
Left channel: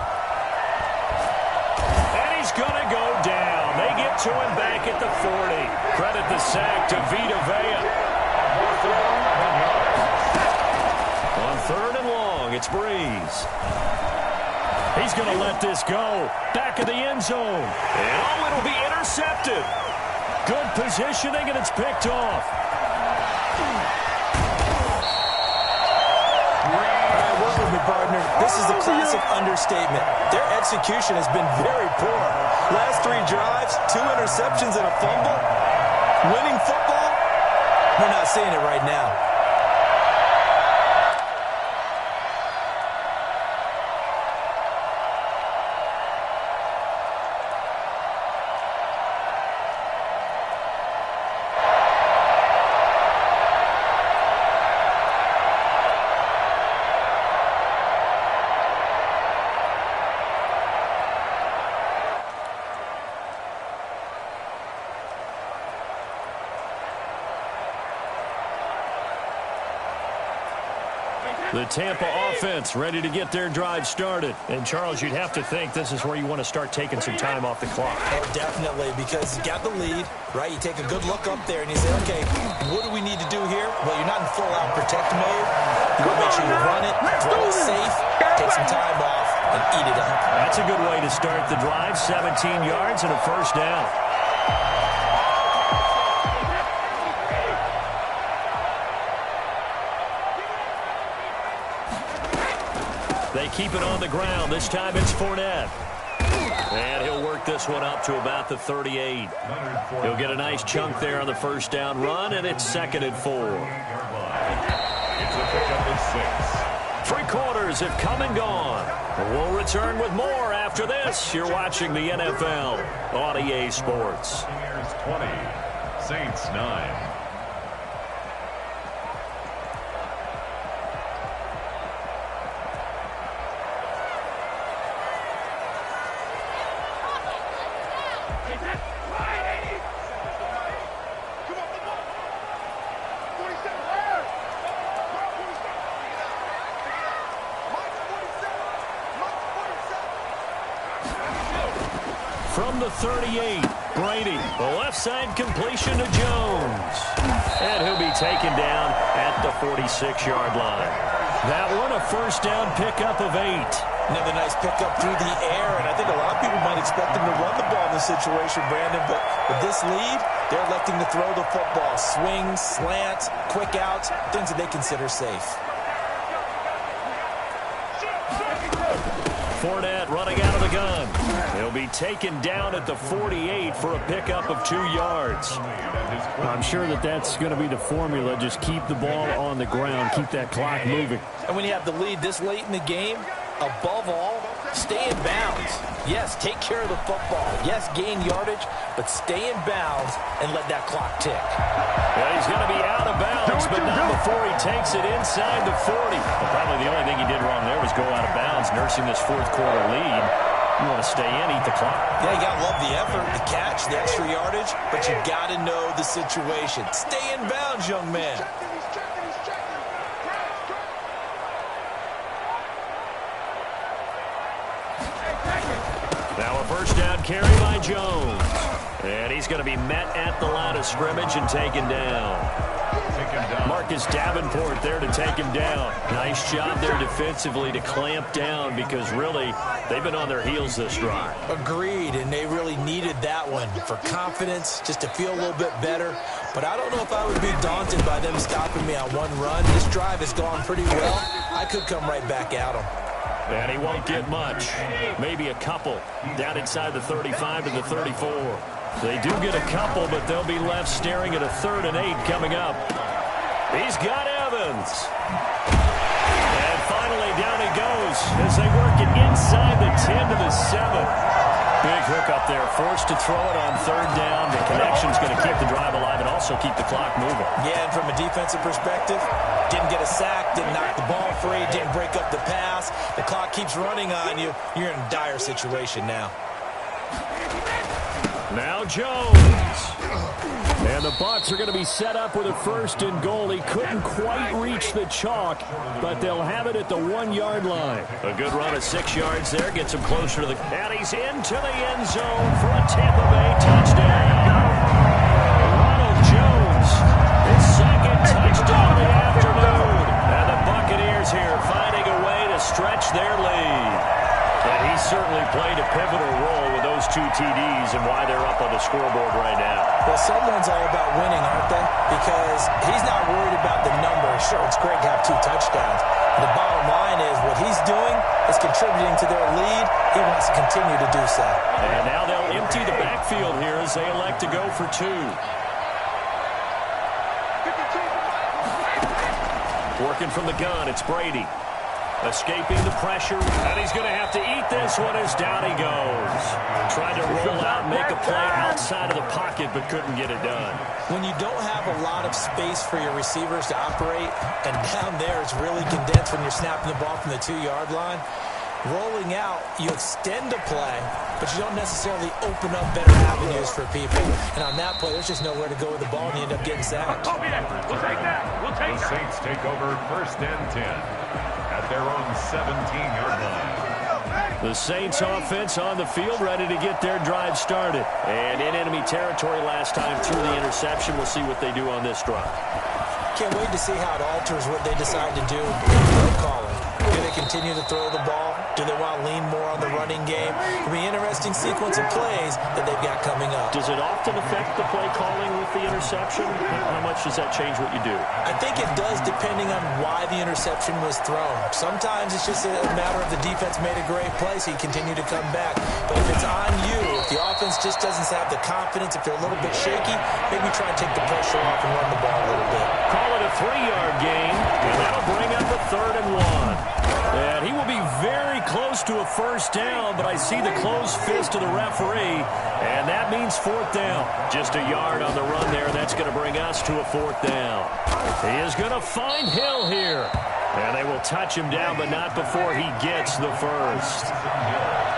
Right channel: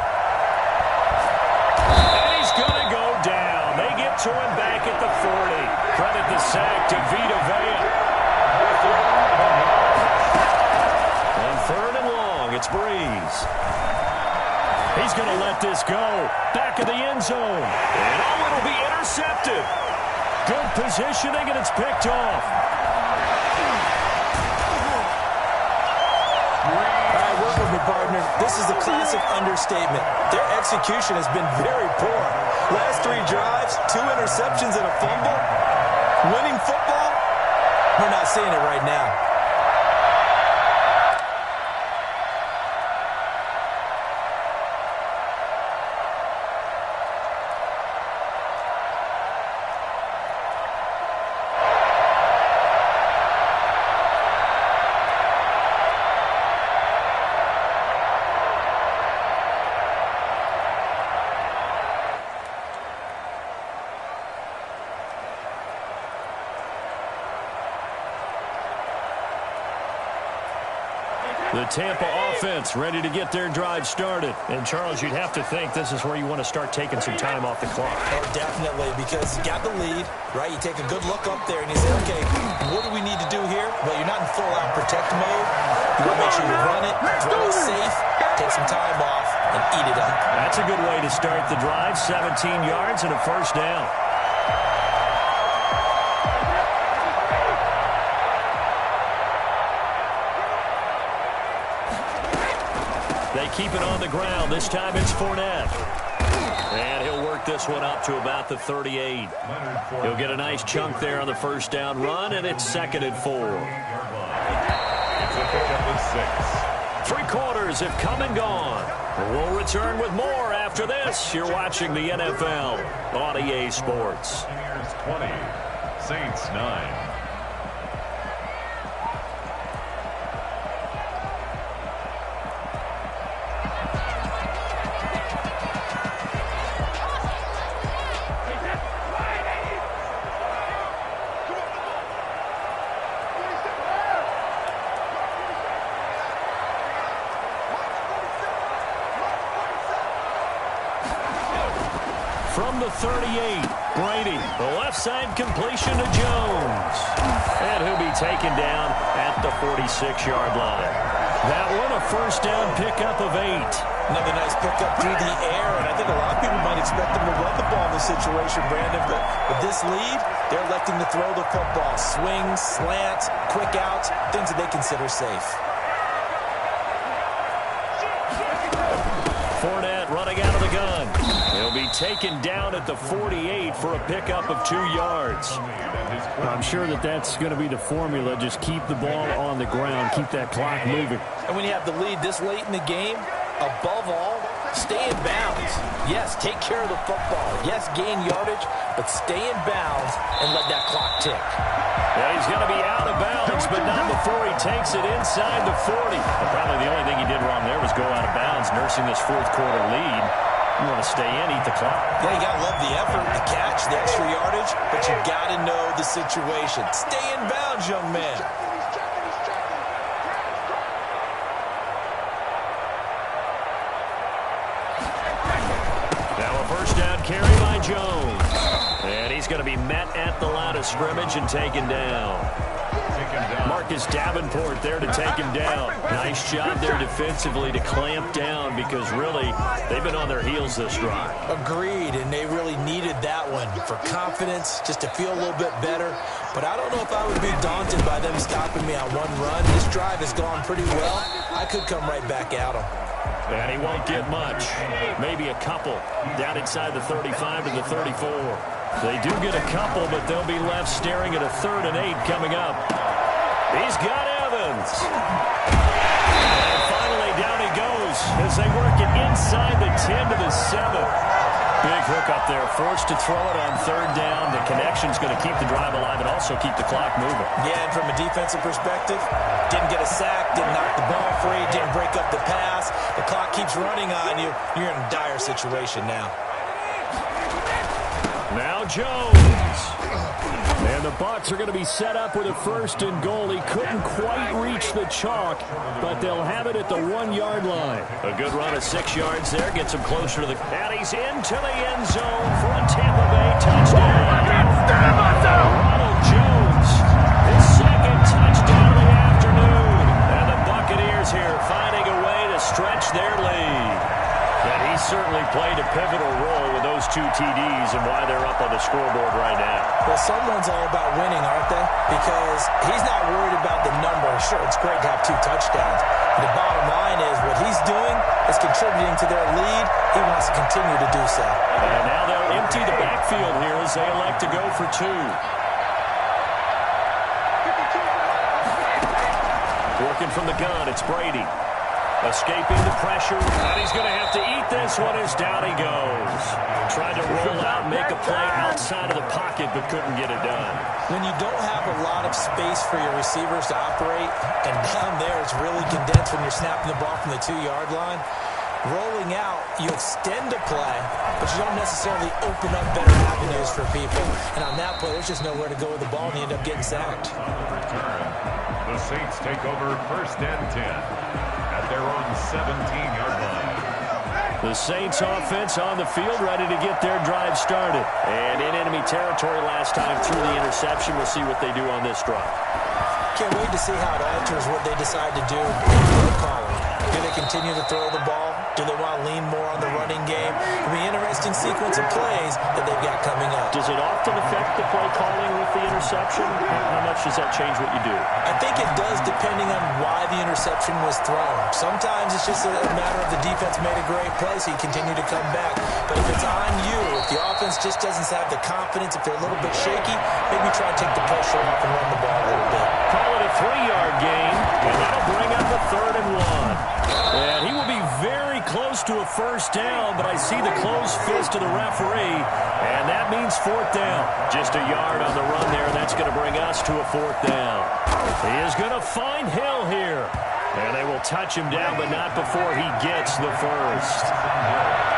And he's going to go down. They get to him back at the 40. Credit the sack to Vita Vea. On 3rd and long, it's Breeze. He's going to let this go. Back of the end zone. And oh, it'll be intercepted. Good positioning, and it's picked off. All right, work with me, partner. This is a classic understatement. Their execution has been very poor. Last 3 drives, 2 interceptions and a fumble. Winning football? We're not seeing it right now. The Tampa offense ready to get their drive started. And, Charles, you'd have to think this is where you want to start taking some time off the clock. Oh, definitely, because you got the lead, right? You take a good look up there and you say, okay, what do we need to do here? Well, you're not in full-out protect mode. You want to make sure you run it, throw it safe, take some time off, and eat it up. That's a good way to start the drive. 17 yards and a first down. They keep it on the ground. This time it's Fournette. And he'll work this one up to about the 38. He'll get a nice chunk there on the first down run, and it's 2nd and 4. It's a pickup of 6. 3 quarters have come and gone. We'll return with more after this. You're watching the NFL on EA Sports. 20, Saints 9. From the 38, Brady, the left side completion to Jones. And he'll be taken down at the 46-yard line. That one, a first down pickup of 8. Another nice pickup through the air, and I think a lot of people might expect them to run the ball in this situation, Brandon, but with this lead, they're electing to throw the football. Swings, slants, quick outs, things that they consider safe. Fournette running out of the gun. He'll be taken down at the 48 for a pickup of 2 yards. I'm sure that's going to be the formula. Just keep the ball on the ground. Keep that clock moving. And when you have the lead this late in the game, above all, stay in bounds. Yes, take care of the football. Yes, gain yardage, but stay in bounds and let that clock tick. Yeah, he's going to be out of bounds, but not before he takes it inside the 40. But probably the only thing he did wrong there was go out of bounds, nursing this fourth quarter lead. You want to stay in, eat the clock. Yeah, you got to love the effort, the catch, the extra yardage, but you got to know the situation. Stay in bounds, young man. Now a first down carry by Jones. And he's going to be met at the line of scrimmage and taken down. Marcus Davenport there to take him down. Nice job there defensively to clamp down because really they've been on their heels this drive. Agreed, and they really needed that one for confidence, just to feel a little bit better. But I don't know if I would be daunted by them stopping me on one run. This drive has gone pretty well. I could come right back at them. And he won't get much. Maybe a couple down inside the 35 to the 34. They do get a couple, but they'll be left staring at a 3rd and 8 coming up. He's got Evans. And finally down he goes as they work it inside the 10 to the 7. Big hook up there, forced to throw it on 3rd down. The connection's going to keep the drive alive and also keep the clock moving. Yeah, and from a defensive perspective, didn't get a sack, didn't knock the ball free, didn't break up the pass. The clock keeps running on you. You're in a dire situation now. Now Jones. And the Bucs are going to be set up with a 1st and goal. He couldn't quite reach the chalk, but they'll have it at the 1-yard line. A good run of 6 yards there. Gets him closer to the... And he's into the end zone for a Tampa Bay touchdown. Ronald Jones, his 2nd touchdown of the afternoon. And the Buccaneers here finding a way to stretch their lead. And he certainly played a pivotal role with those 2 TDs and why they're up on the scoreboard right now. Well, someone's all about winning, aren't they? Because he's not worried about the number. Sure, it's great to have 2 touchdowns. But the bottom line is what he's doing is contributing to their lead. He wants to continue to do so. And now they'll empty the backfield here as they elect to go for 2. Working from the gun, it's Brady. Escaping the pressure, and he's going to have to eat this one as down he goes. Tried to roll out, make a play outside of the pocket, but couldn't get it done. When you don't have a lot of space for your receivers to operate, and down there it's really condensed when you're snapping the ball from the 2-yard line, rolling out, you extend a play, but you don't necessarily open up better avenues for people. And on that play, there's just nowhere to go with the ball, and you end up getting sacked. The Saints take over 1st and 10 at their own 17-yard line. The Saints offense on the field, ready to get their drive started. And in enemy territory last time through the interception. We'll see what they do on this drive. Can't wait to see how it alters what they decide to do in play calling. Do they continue to throw the ball? Do they want to lean more on the running game? It'll be an interesting sequence of plays that they've got coming up. Does it often affect the play calling with the interception? How much does that change what you do? I think it does depending on why the interception was thrown. Sometimes it's just a matter of the defense made a great play, so you continue to come back. But if it's on you, if the offense just doesn't have the confidence, if they're a little bit shaky, maybe try to take the pressure off and run the ball a little bit. Call it a 3-yard gain, and that'll bring up a 3rd and 1. And he will be very close to a 1st down, but I see the closed fist of the referee, and that means 4th down. Just a yard on the run there, and that's going to bring us to a 4th down. He is going to find Hill here. And they will touch him down, but not before he gets the 1st.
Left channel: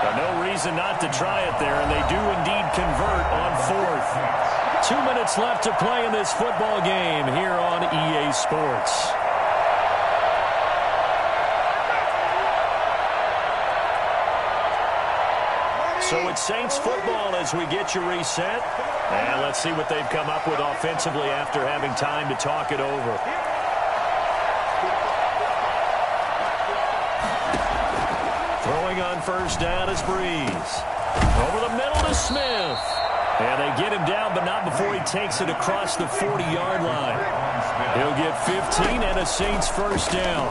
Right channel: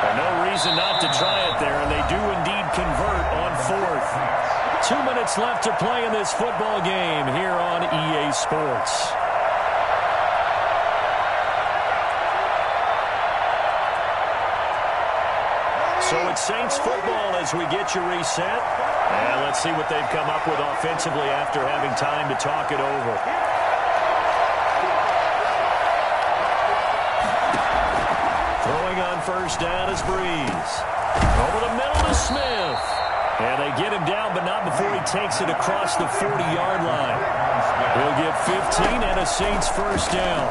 But no reason not to try it there, and they do indeed convert on 4th. 2 minutes left to play in this football game here on EA Sports. So it's Saints football as we get you reset. And let's see what they've come up with offensively after having time to talk it over. going on first down is Breeze. Over the middle to Smith. And they get him down, but not before he takes it across the 40-yard line. He'll get 15 and a Saints first down.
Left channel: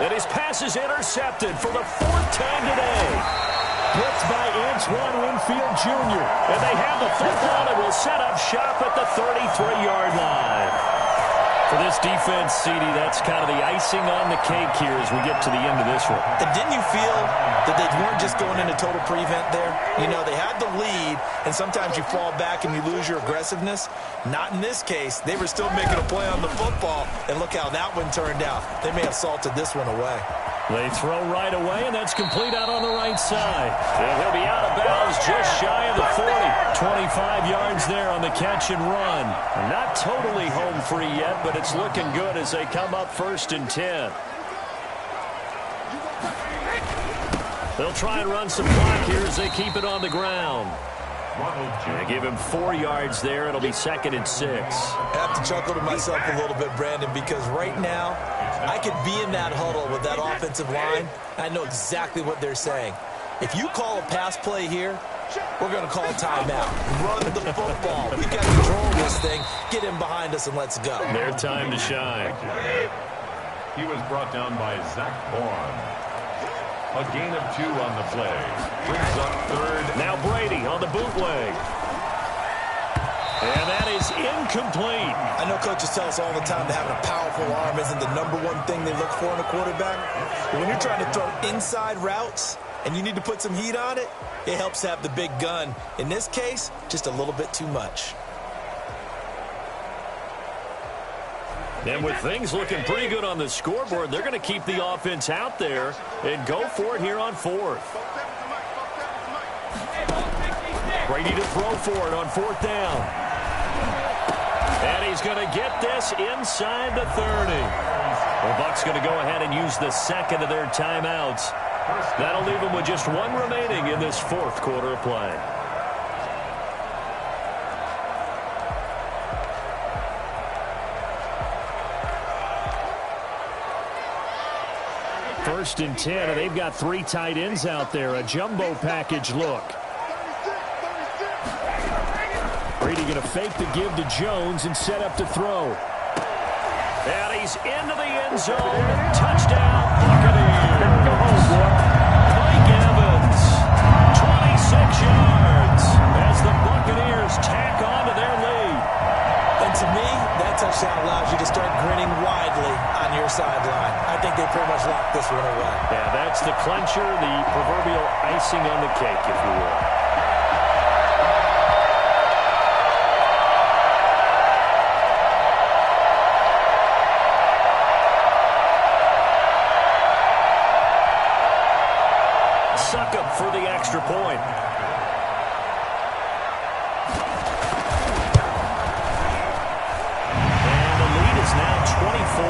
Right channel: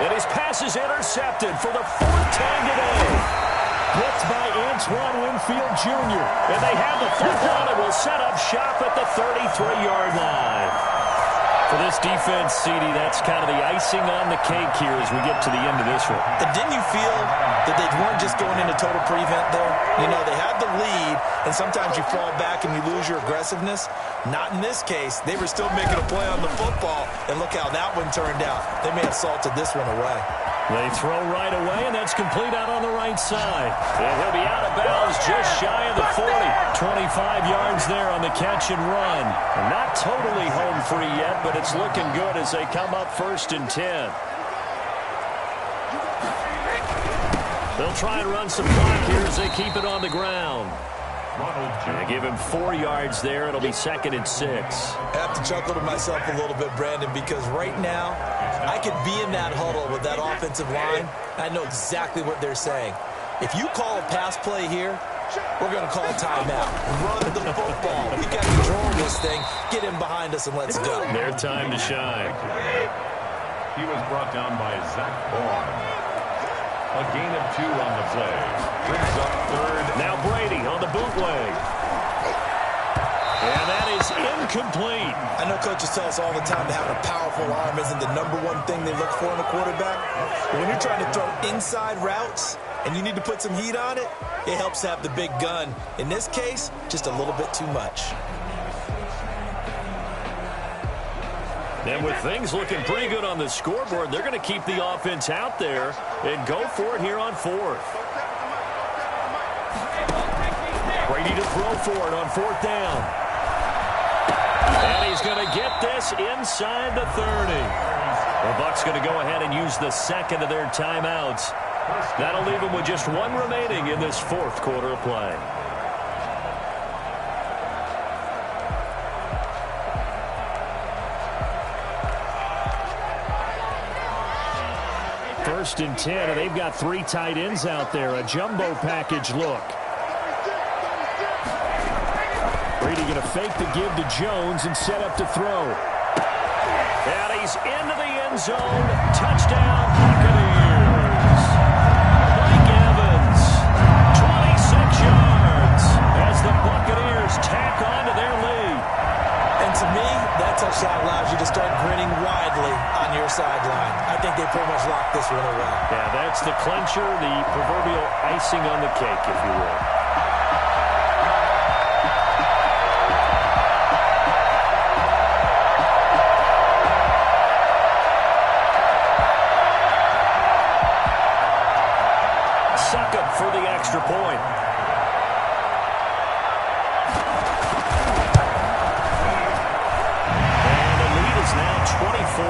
And his pass is intercepted for the 4th time today. Blitzed by Antoine Winfield Jr. And they have the football and will set up shop at the 33-yard line. For this defense, CD, that's kind of the icing on the cake here as we get to the end of this one. And didn't you feel that they weren't just going into total prevent there? You know, they had the lead, and sometimes you fall back and you lose your aggressiveness. Not in this case. They were still making a play on the football, and look how that one turned out. They may have salted this one away. They throw right away, and that's complete out on the right side. And he'll be out of bounds just shy of the 40. 25 yards there on the catch and run. And not totally home free yet, but it's looking good as they come up 1st and 10. They'll try and run some clock here as they keep it on the ground. They give him 4 yards there. It'll be 2nd and 6. I have to chuckle to myself a little bit, Brandon, because right now I could be in that huddle with that offensive line. I know exactly what they're saying. If you call a pass play here, we're going to call a timeout. Run the football. We've got to control this thing. Get him behind us and let's go. Their time to shine. He was brought down by Zach Vaughn. A gain of 2 on the play. Brings up 3rd. Now Brady on the bootleg. And that is incomplete. I know coaches tell us all the time that having a powerful arm isn't the #1 thing they look for in a quarterback. But when you're trying to throw inside routes and you need to put some heat on it, it helps to have the big gun. In this case, just a little bit too much. And with things looking pretty good on the scoreboard, they're going to keep the offense out there and go for it here on 4th. Brady to throw for it on 4th down. And he's going to get this inside the 30. The Bucs going to go ahead and use the 2nd of their timeouts. That'll leave them with just 1 remaining in this 4th quarter of play. First and 10, and they've got 3 tight ends out there. A jumbo package look. Brady going to fake the give to Jones and set up to throw. And he's into the end zone. Touchdown, Buccaneers. Mike Evans, 26 yards as the Buccaneers tack on to their lead. And to me, that touchdown allows you to start grinning widely on your sideline. I think they pretty much locked this one away. Yeah, that's the clincher, the proverbial icing on the cake, if you will. Succop for the extra point. Is now 24.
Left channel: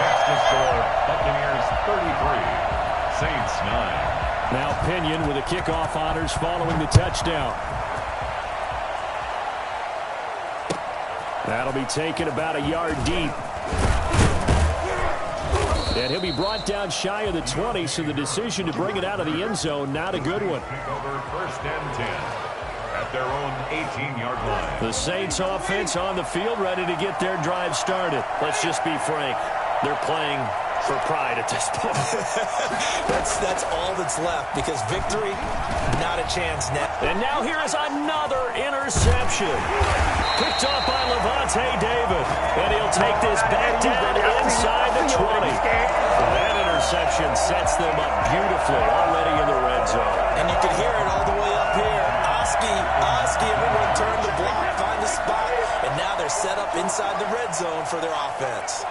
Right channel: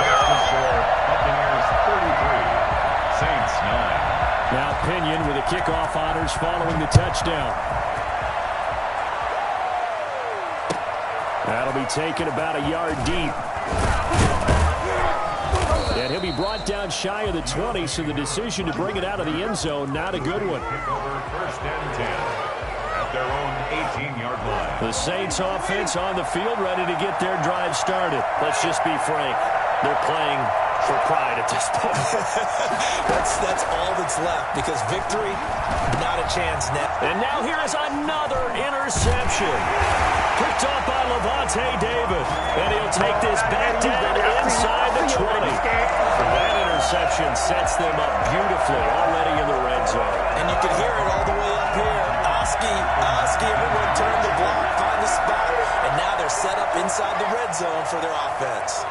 Next to score, Buccaneers 33, Saints 9. Now Pinion with the kickoff honors following the touchdown. That'll be taken about a yard deep. And he'll be brought down shy of the 20, so the decision to bring it out of the end zone, not a good one. Over 1st and 10. Their own 18-yard line. The Saints offense on the field ready to get their drive started. Let's just be frank. They're playing for pride at this point. That's all that's left because victory, not a chance now. And now here is another interception. Picked off by Lavonte David. And he'll take this back down inside the 20. That interception sets them up beautifully already in the red zone. And you can hear it all the way up here. Oski, everyone turned the block, find the spot, and now they're set up inside the red zone for their offense.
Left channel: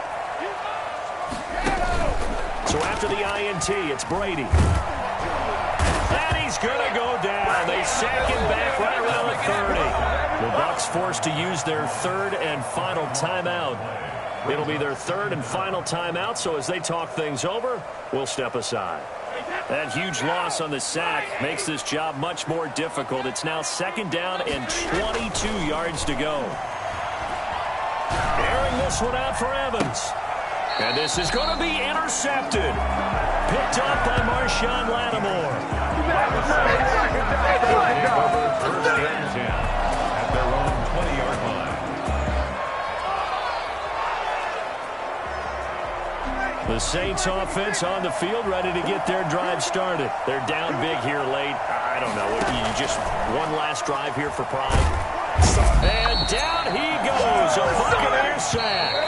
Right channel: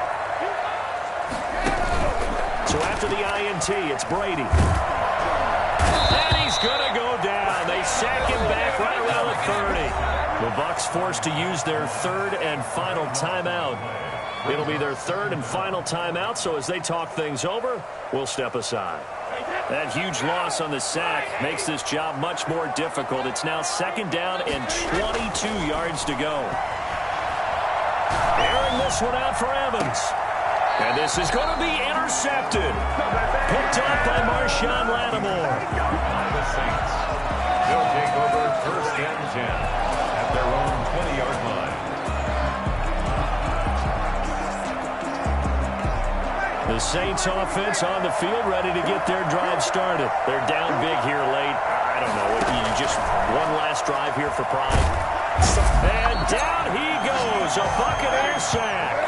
So after the INT, it's Brady. And he's going to go down. They sack him back right around the 30. The Bucs forced to use their 3rd and final timeout. It'll be their 3rd and final timeout, so as they talk things over, we'll step aside. That huge loss on the sack makes this job much more difficult. It's now 2nd down and 22 yards to go. Airing this one out for Evans. And this is going to be intercepted. Picked up by Marshawn Lattimore. By the Saints. They'll take over 1st and 10 at their own 20-yard line. The Saints offense on the field, ready to get their drive started. They're down big here late. I don't know. You just one last drive here for pride. And down he goes. A Buccaneer sack.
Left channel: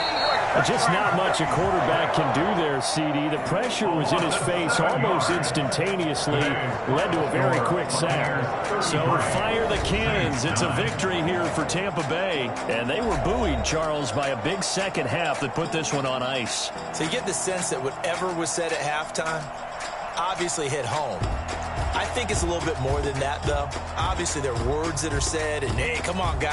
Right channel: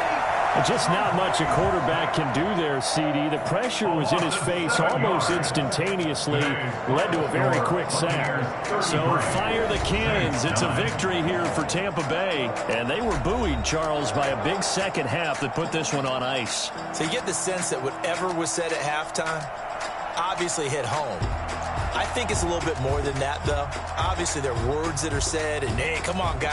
Just not much a quarterback can do there, CD. The pressure was in his face almost instantaneously, led to a very quick sack. So fire the cannons. It's a victory here for Tampa Bay. And they were buoyed, Charles, by a big second half that put this one on ice. So you get the sense that whatever was said at halftime obviously hit home. I think it's a little bit more than that, though. Obviously, there are words that are said, and, hey, come on, guys.